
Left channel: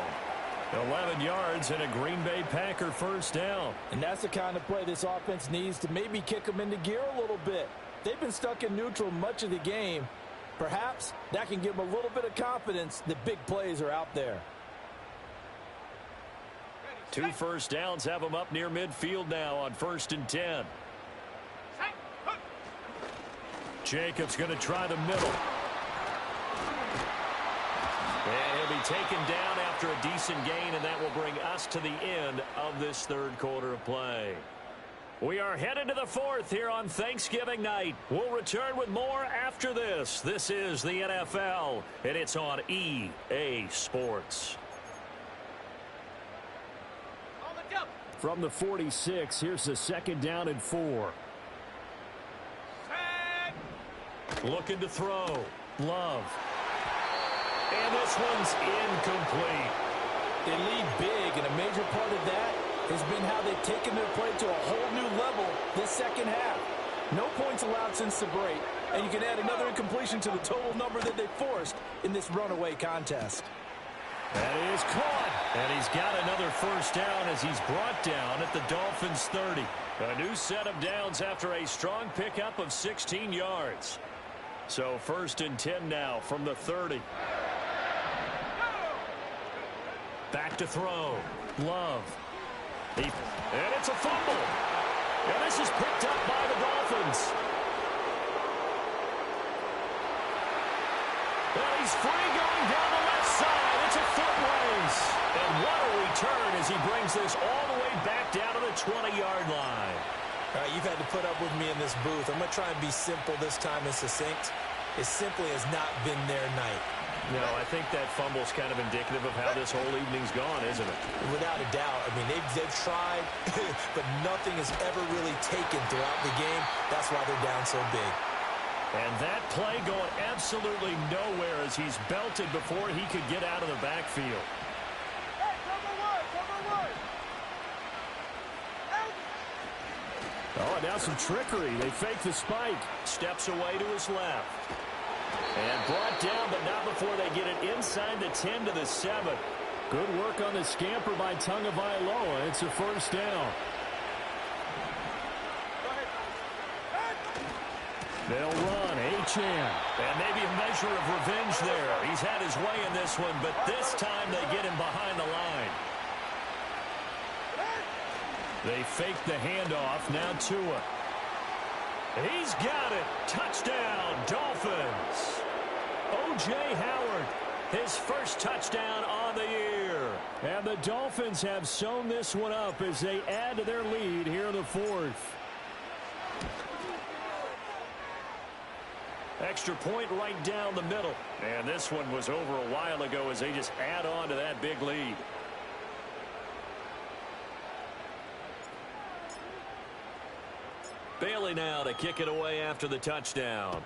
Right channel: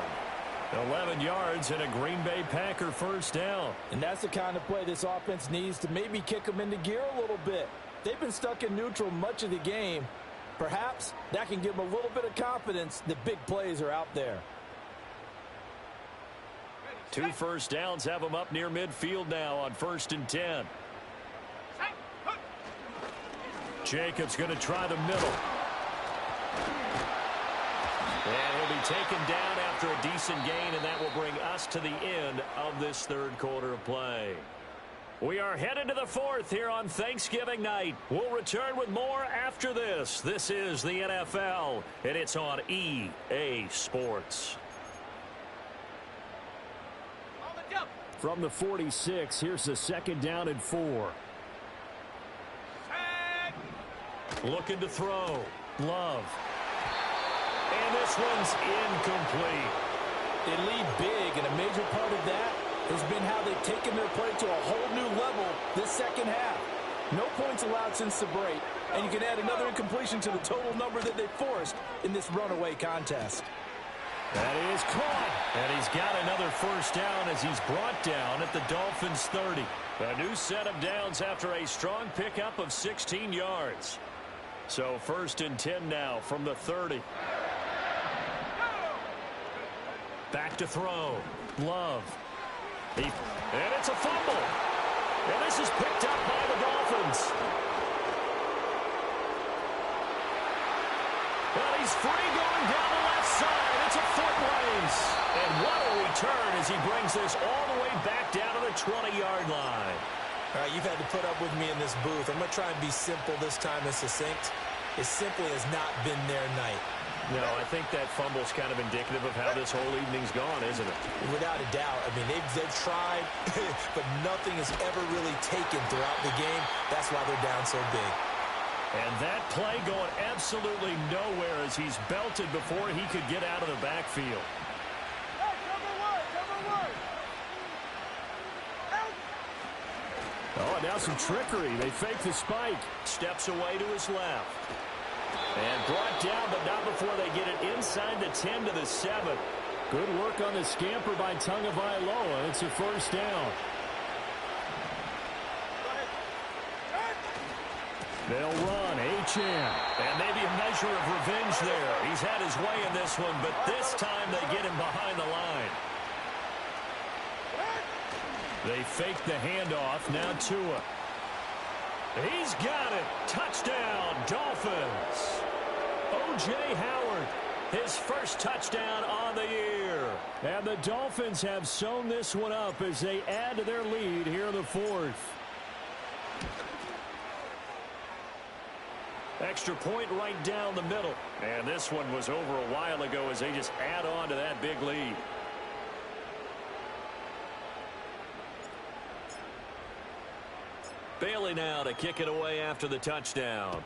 11 yards and a Green Bay Packer first down. And that's the kind of play this offense needs to maybe kick them into gear a little bit. They've been stuck in neutral much of the game. Perhaps that can give them a little bit of confidence that big plays are out there. 2 first downs have them up near midfield now on 1st and 10. Jacobs going to try the middle. And he'll be taken down after a decent gain, and that will bring us to the end of this 3rd quarter of play. We are headed to the 4th here on Thanksgiving night. We'll return with more after this. This is the NFL, and it's on EA Sports. From the 46, here's the 2nd down and 4. Looking to throw. Love. And this one's incomplete. They lead big, and a major part of that has been how they've taken their play to a whole new level this 2nd half. No points allowed since the break, and you can add another incompletion to the total number that they forced in this runaway contest. That is caught. And he's got another first down as he's brought down at the Dolphins' 30. A new set of downs after a strong pickup of 16 yards. So 1st and 10 now from the 30. Back to throw. Love. And it's a fumble. And this is picked up by the Dolphins. And he's free going down the left side. It's a foot race. And what a return as he brings this all the way back down to the 20-yard line. All right, you've had to put up with me in this booth. I'm going to try and be simple this time and succinct. It simply has not been their night. No, I think that fumble's kind of indicative of how this whole evening's gone, isn't it? Without a doubt. I mean, they've tried, but nothing has ever really taken throughout the game. That's why they're down so big. And that play going absolutely nowhere as he's belted before he could get out of the backfield. Hey, cover one. Oh, and now some trickery. They fake the spike. Steps away to his left. And brought down, but not before they get it inside the 10 to the 7. Good work on the scamper by Tagovailoa. It's a first down. They'll run. Achane. And maybe a measure of revenge there. He's had his way in this one, but this time they get him behind the line. They fake the handoff. Now Tua. He's got it. Touchdown, Dolphins. O.J. Howard, his first touchdown on the year. And the Dolphins have sewn this one up as they add to their lead here in the 4th. Extra point right down the middle. And this one was over a while ago as they just add on to that big lead. Bailey now to kick it away after the touchdown.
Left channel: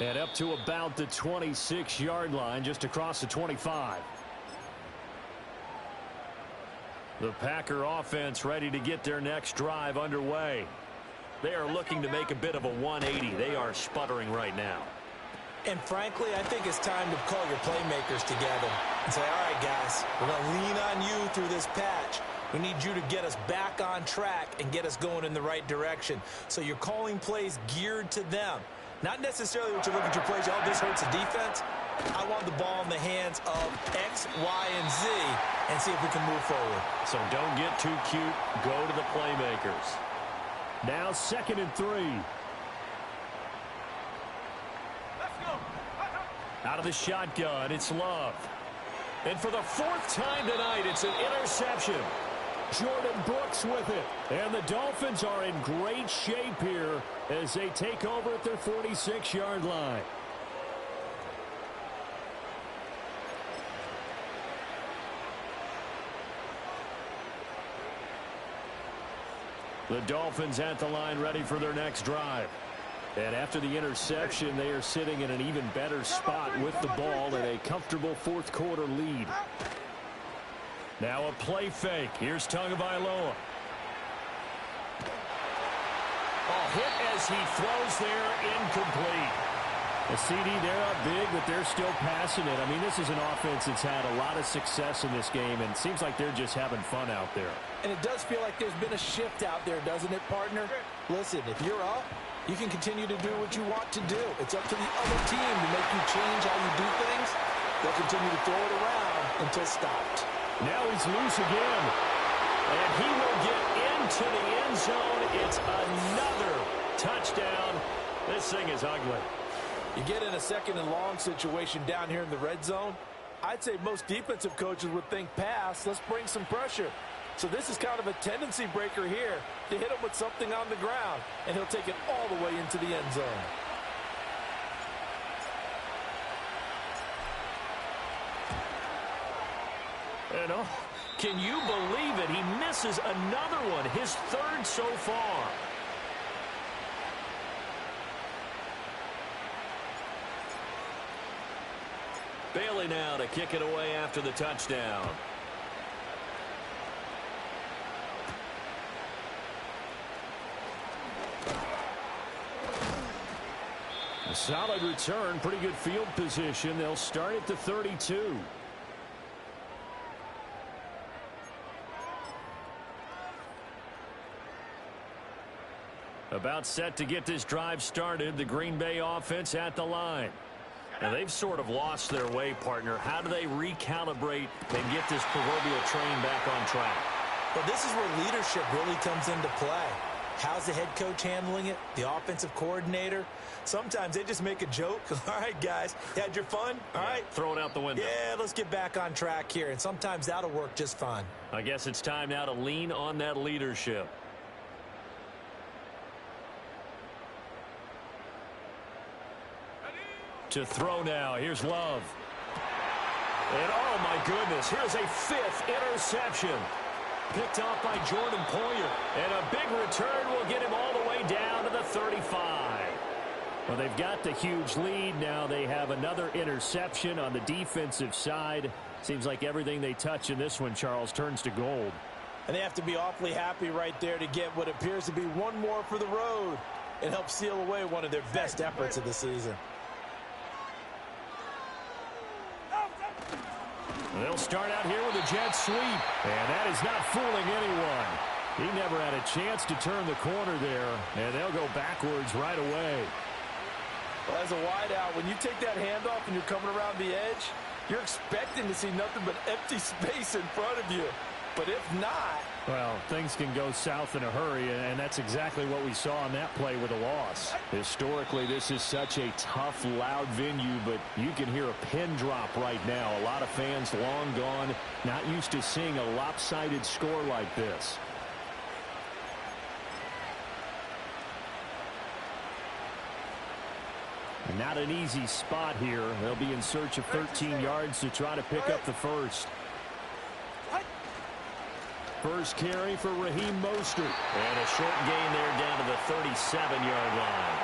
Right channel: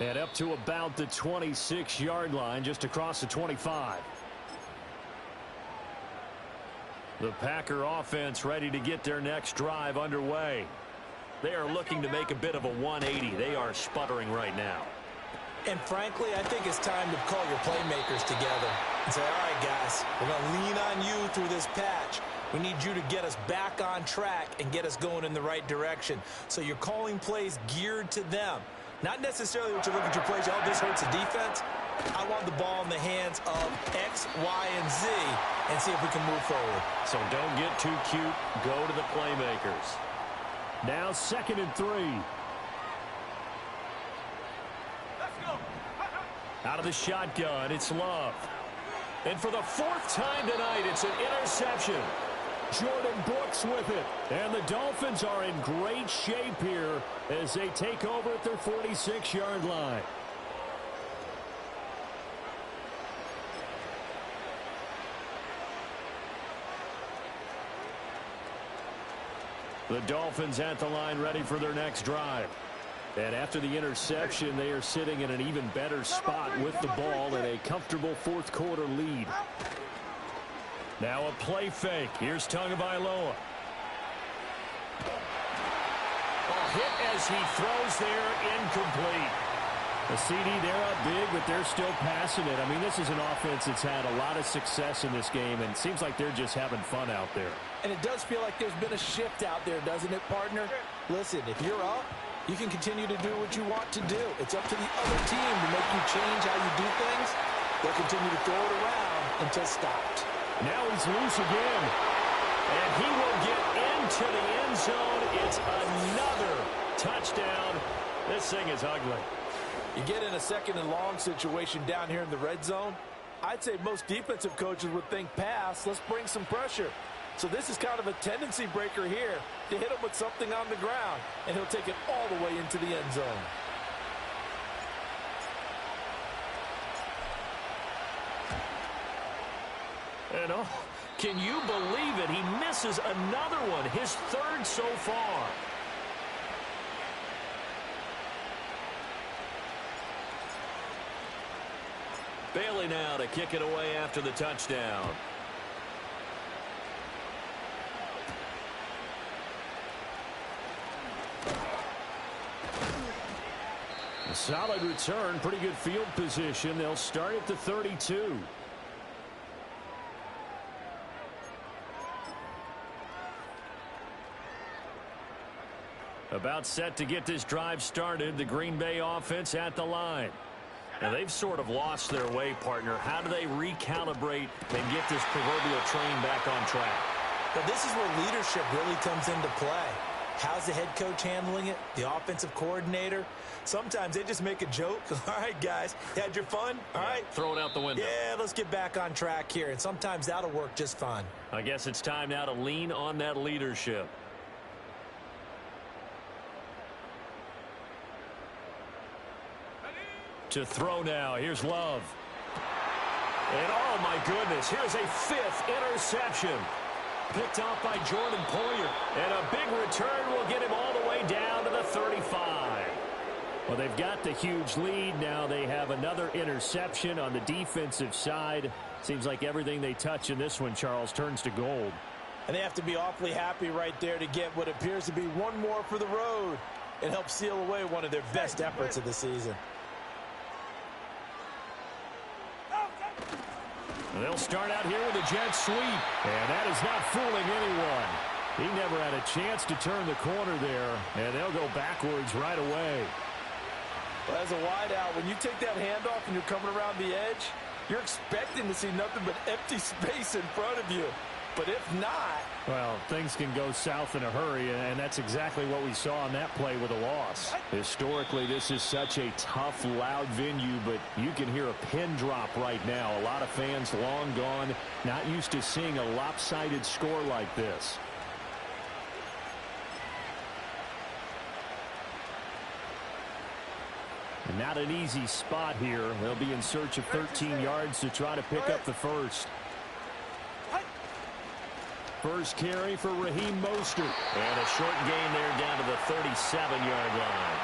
And up to about the 26-yard line, just across the 25. The Packer offense ready to get their next drive underway. They are looking to make a bit of a 180. They are sputtering right now. And frankly, I think it's time to call your playmakers together and say, all right, guys, we're going to lean on you through this patch. We need you to get us back on track and get us going in the right direction. So you're calling plays geared to them. Not necessarily what you look at your plays, oh, this hurts the defense. I want the ball in the hands of X, Y, and Z and see if we can move forward. So don't get too cute. Go to the playmakers. Now 2nd and 3. Let's go. Out of the shotgun, it's Love. And for the 4th time tonight, it's an interception. Jordan Brooks with it. And the Dolphins are in great shape here as they take over at their 46-yard line. The Dolphins at the line ready for their next drive. And after the interception, they are sitting in an even better spot with the ball in a comfortable 4th quarter lead. Now a play fake. Here's Tagovailoa. Oh, hit as he throws there, incomplete. The CD, they're up big, but they're still passing it. I mean, this is an offense that's had a lot of success in this game, and it seems like they're just having fun out there. And it does feel like there's been a shift out there, doesn't it, partner? Listen, if you're up, you can continue to do what you want to do. It's up to the other team to make you change how you do things. They'll continue to throw it around until stopped. Now he's loose again. And he will get into the end zone. It's another touchdown. This thing is ugly. You get in a 2nd and long situation down here in the red zone. I'd say most defensive coaches would think pass. Let's bring some pressure. So this is kind of a tendency breaker here to hit him with something on the ground, and he'll take it all the way into the end zone. And oh, can you believe it? He misses another one, his 3rd so far. Bailey now to kick it away after the touchdown. A solid return, pretty good field position. They'll start at the 32. About set to get this drive started. The Green Bay offense at the line. Now, they've sort of lost their way, partner. How do they recalibrate and get this proverbial train back on track? Well, this is where leadership really comes into play. How's the head coach handling it? The offensive coordinator? Sometimes they just make a joke. All right, guys, you had your fun? All right. Throw it out the window. Yeah, let's get back on track here. And sometimes that'll work just fine. I guess it's time now to lean on that leadership. To throw now. Here's Love. And oh, my goodness, here's a 5th interception. Picked off by Jordan Poyer. And a big return will get him all the way down to the 35. Well, they've got the huge lead. Now they have another interception on the defensive side. Seems like everything they touch in this one, Charles, turns to gold. And they have to be awfully happy right there to get what appears to be one more for the road. It helps seal away one of their best efforts of the season. They'll start out here with a jet sweep, and that is not fooling anyone. He never had a chance to turn the corner there, and they'll go backwards right away. Well, as a wideout, when you take that handoff and you're coming around the edge, you're expecting to see nothing but empty space in front of you. But if not... Well, things can go south in a hurry, and that's exactly what we saw on that play with a loss. Historically, this is such a tough, loud venue, but you can hear a pin drop right now. A lot of fans long gone, not used to seeing a lopsided score like this. And not an easy spot here. They'll be in search of 13 yards to try to pick up the first. First carry for Raheem Mostert. And a short gain there down to the 37-yard line.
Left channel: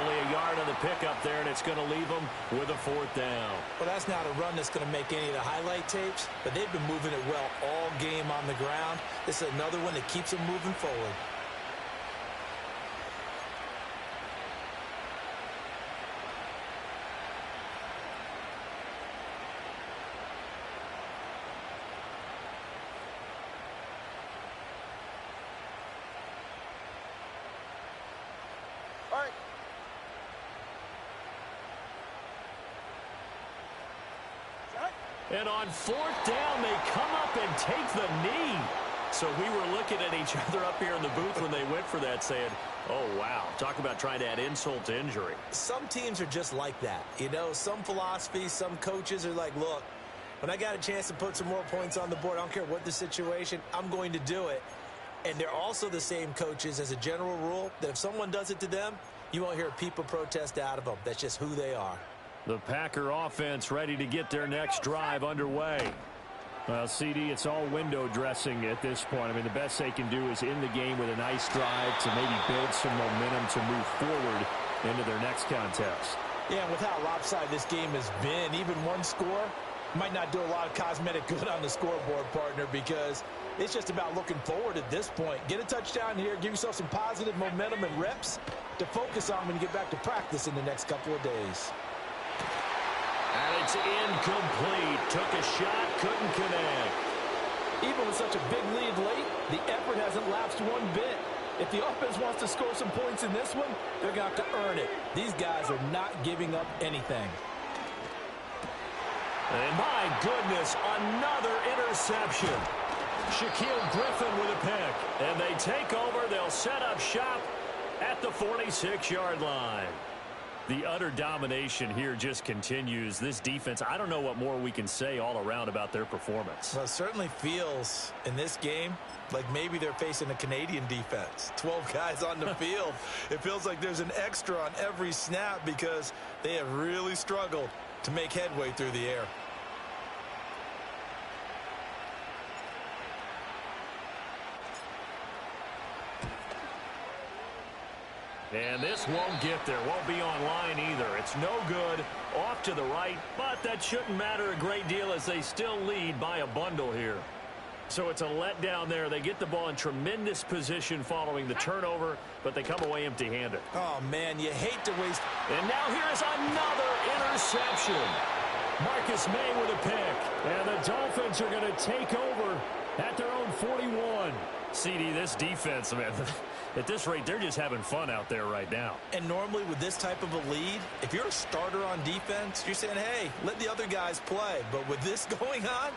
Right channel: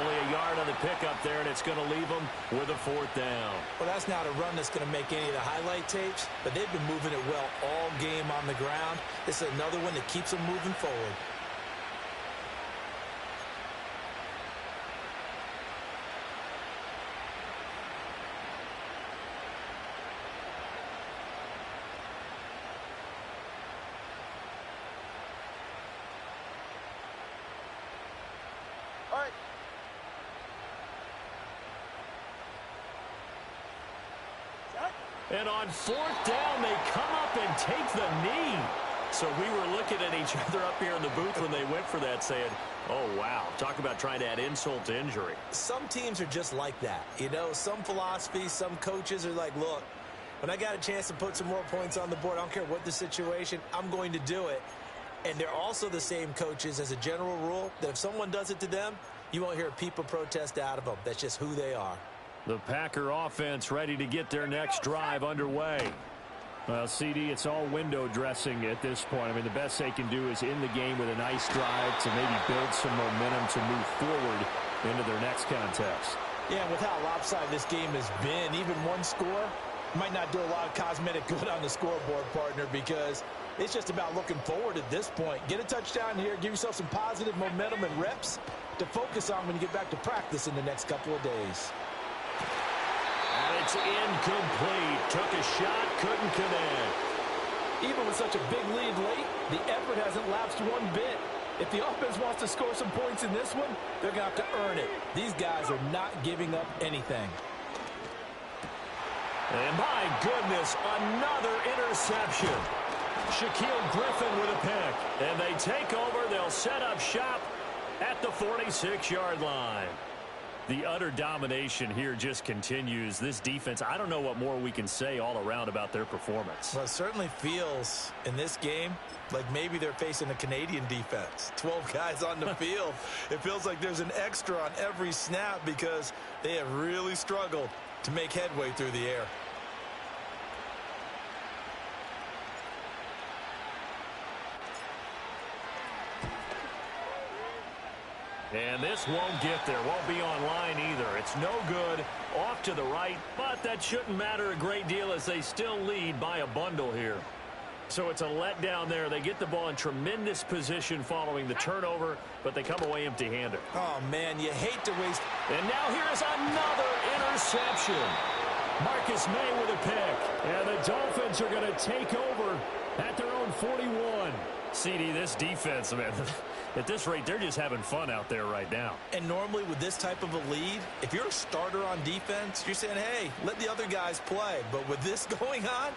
Only a yard on the pickup there, and it's going to leave them with a 4th down. Well, that's not a run that's going to make any of the highlight tapes, but they've been moving it well all game on the ground. This is another one that keeps them moving forward. All right. And on 4th down, they come up and take the knee. So we were looking at each other up here in the booth when they went for that, saying, oh, wow, talk about trying to add insult to injury. Some teams are just like that. You know, some philosophies, some coaches are like, look, when I got a chance to put some more points on the board, I don't care what the situation, I'm going to do it. And they're also the same coaches, as a general rule, that if someone does it to them, you won't hear people protest out of them. That's just who they are. The Packer offense ready to get their next drive underway. Well, CD, it's all window dressing at this point. I mean, the best they can do is in the game with a nice drive to maybe build some momentum to move forward into their next contest. Yeah, and with how lopsided this game has been, even one score might not do a lot of cosmetic good on the scoreboard, partner, because it's just about looking forward at this point. Get a touchdown here, give yourself some positive momentum and reps to focus on when you get back to practice in the next couple of days. And it's incomplete. Took a shot, couldn't connect. Even with such a big lead late, the effort hasn't lapsed one bit. If the offense wants to score some points in this one, they're going to have to earn it. These guys are not giving up anything. And my goodness, another interception. Shaquille Griffin with a pick. And they take over. They'll set up shop at the 46-yard line. The utter domination here just continues. This defense, I don't know what more we can say all around about their performance. Well, it certainly feels in this game like maybe they're facing a Canadian defense. 12 guys on the field. It feels like there's an extra on every snap because they have really struggled to make headway through the air. And this won't get there, won't be online either. It's no good, off to the right, but that shouldn't matter a great deal as they still lead by a bundle here. So it's a letdown there. They get the ball in tremendous position following the turnover, but they come away empty-handed. Oh, man, you hate to waste. And now here is another interception. Marcus May with a pick. And the Dolphins are going to take over at their own 41. CD, this defense, man, at this rate, they're just having fun out there right now. And normally with this type of a lead, if you're a starter on defense, you're saying, hey, let the other guys play. But with this going on,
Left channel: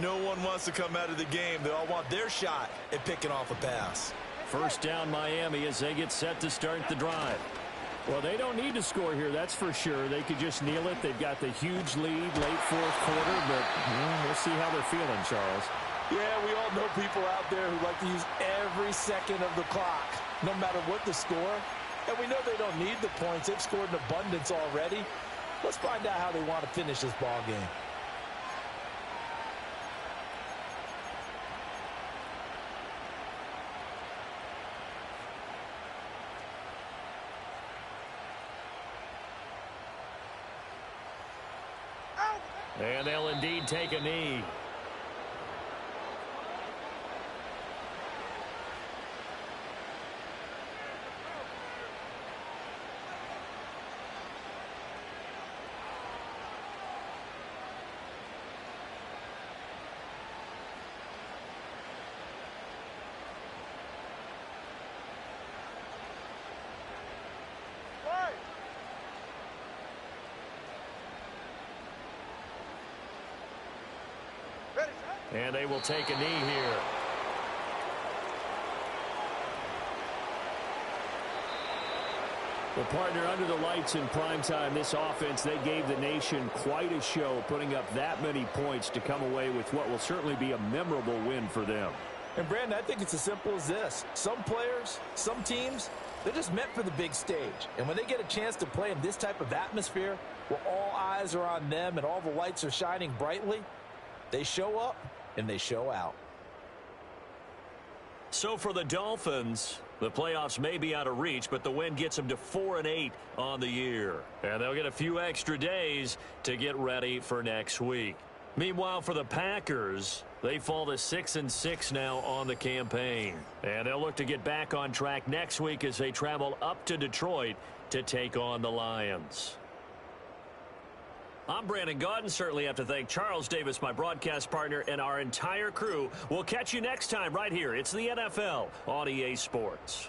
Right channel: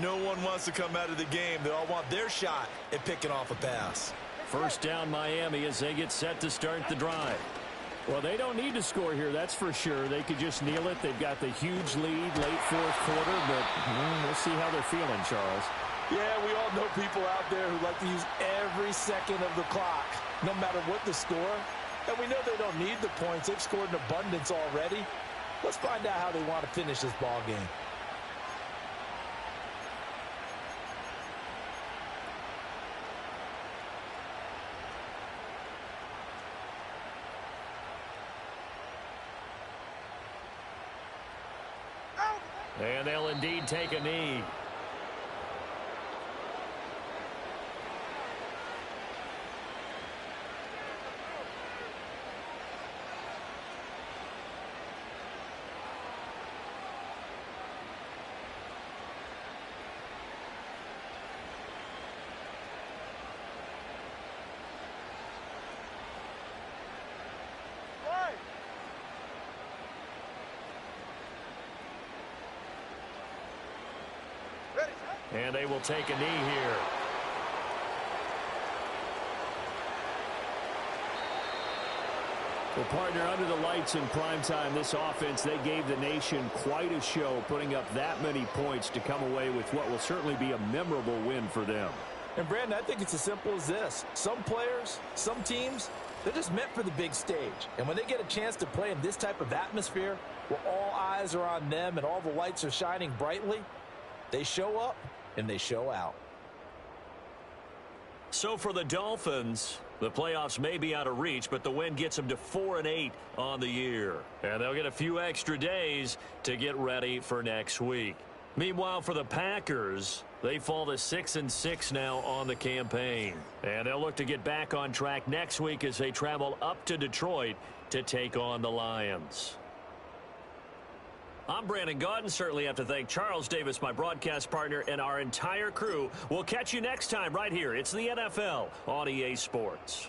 no one wants to come out of the game. They all want their shot at picking off a pass. First down Miami as they get set to start the drive. Well, they don't need to score here, that's for sure. They could just kneel it. They've got the huge lead late fourth quarter, but we'll see how they're feeling, Charles. Yeah, we all know people out there who like to use every second of the clock, no matter what the score. And we know they don't need the points. They've scored in abundance already. Let's find out how they want to finish this ball game. And they'll indeed take a knee. And they will take a knee here. Well, partner, under the lights in primetime, this offense, they gave the nation quite a show, putting up that many points to come away with what will certainly be a memorable win for them. And, Brandon, I think it's as simple as this. Some players, some teams, they're just meant for the big stage. And when they get a chance to play in this type of atmosphere, where all eyes are on them and all the lights are shining brightly, they show up and they show out. So for the Dolphins, the playoffs may be out of reach, but the win gets them to 4-8 on the year. And they'll get a few extra days to get ready for next week. Meanwhile, for the Packers, they fall to 6-6 now on the campaign. And they'll look to get back on track next week as they travel up to Detroit to take on the Lions. I'm Brandon Gaudin. Certainly have to thank Charles Davis, my broadcast partner, and our entire crew. We'll catch you next time right here. It's the NFL on EA Sports.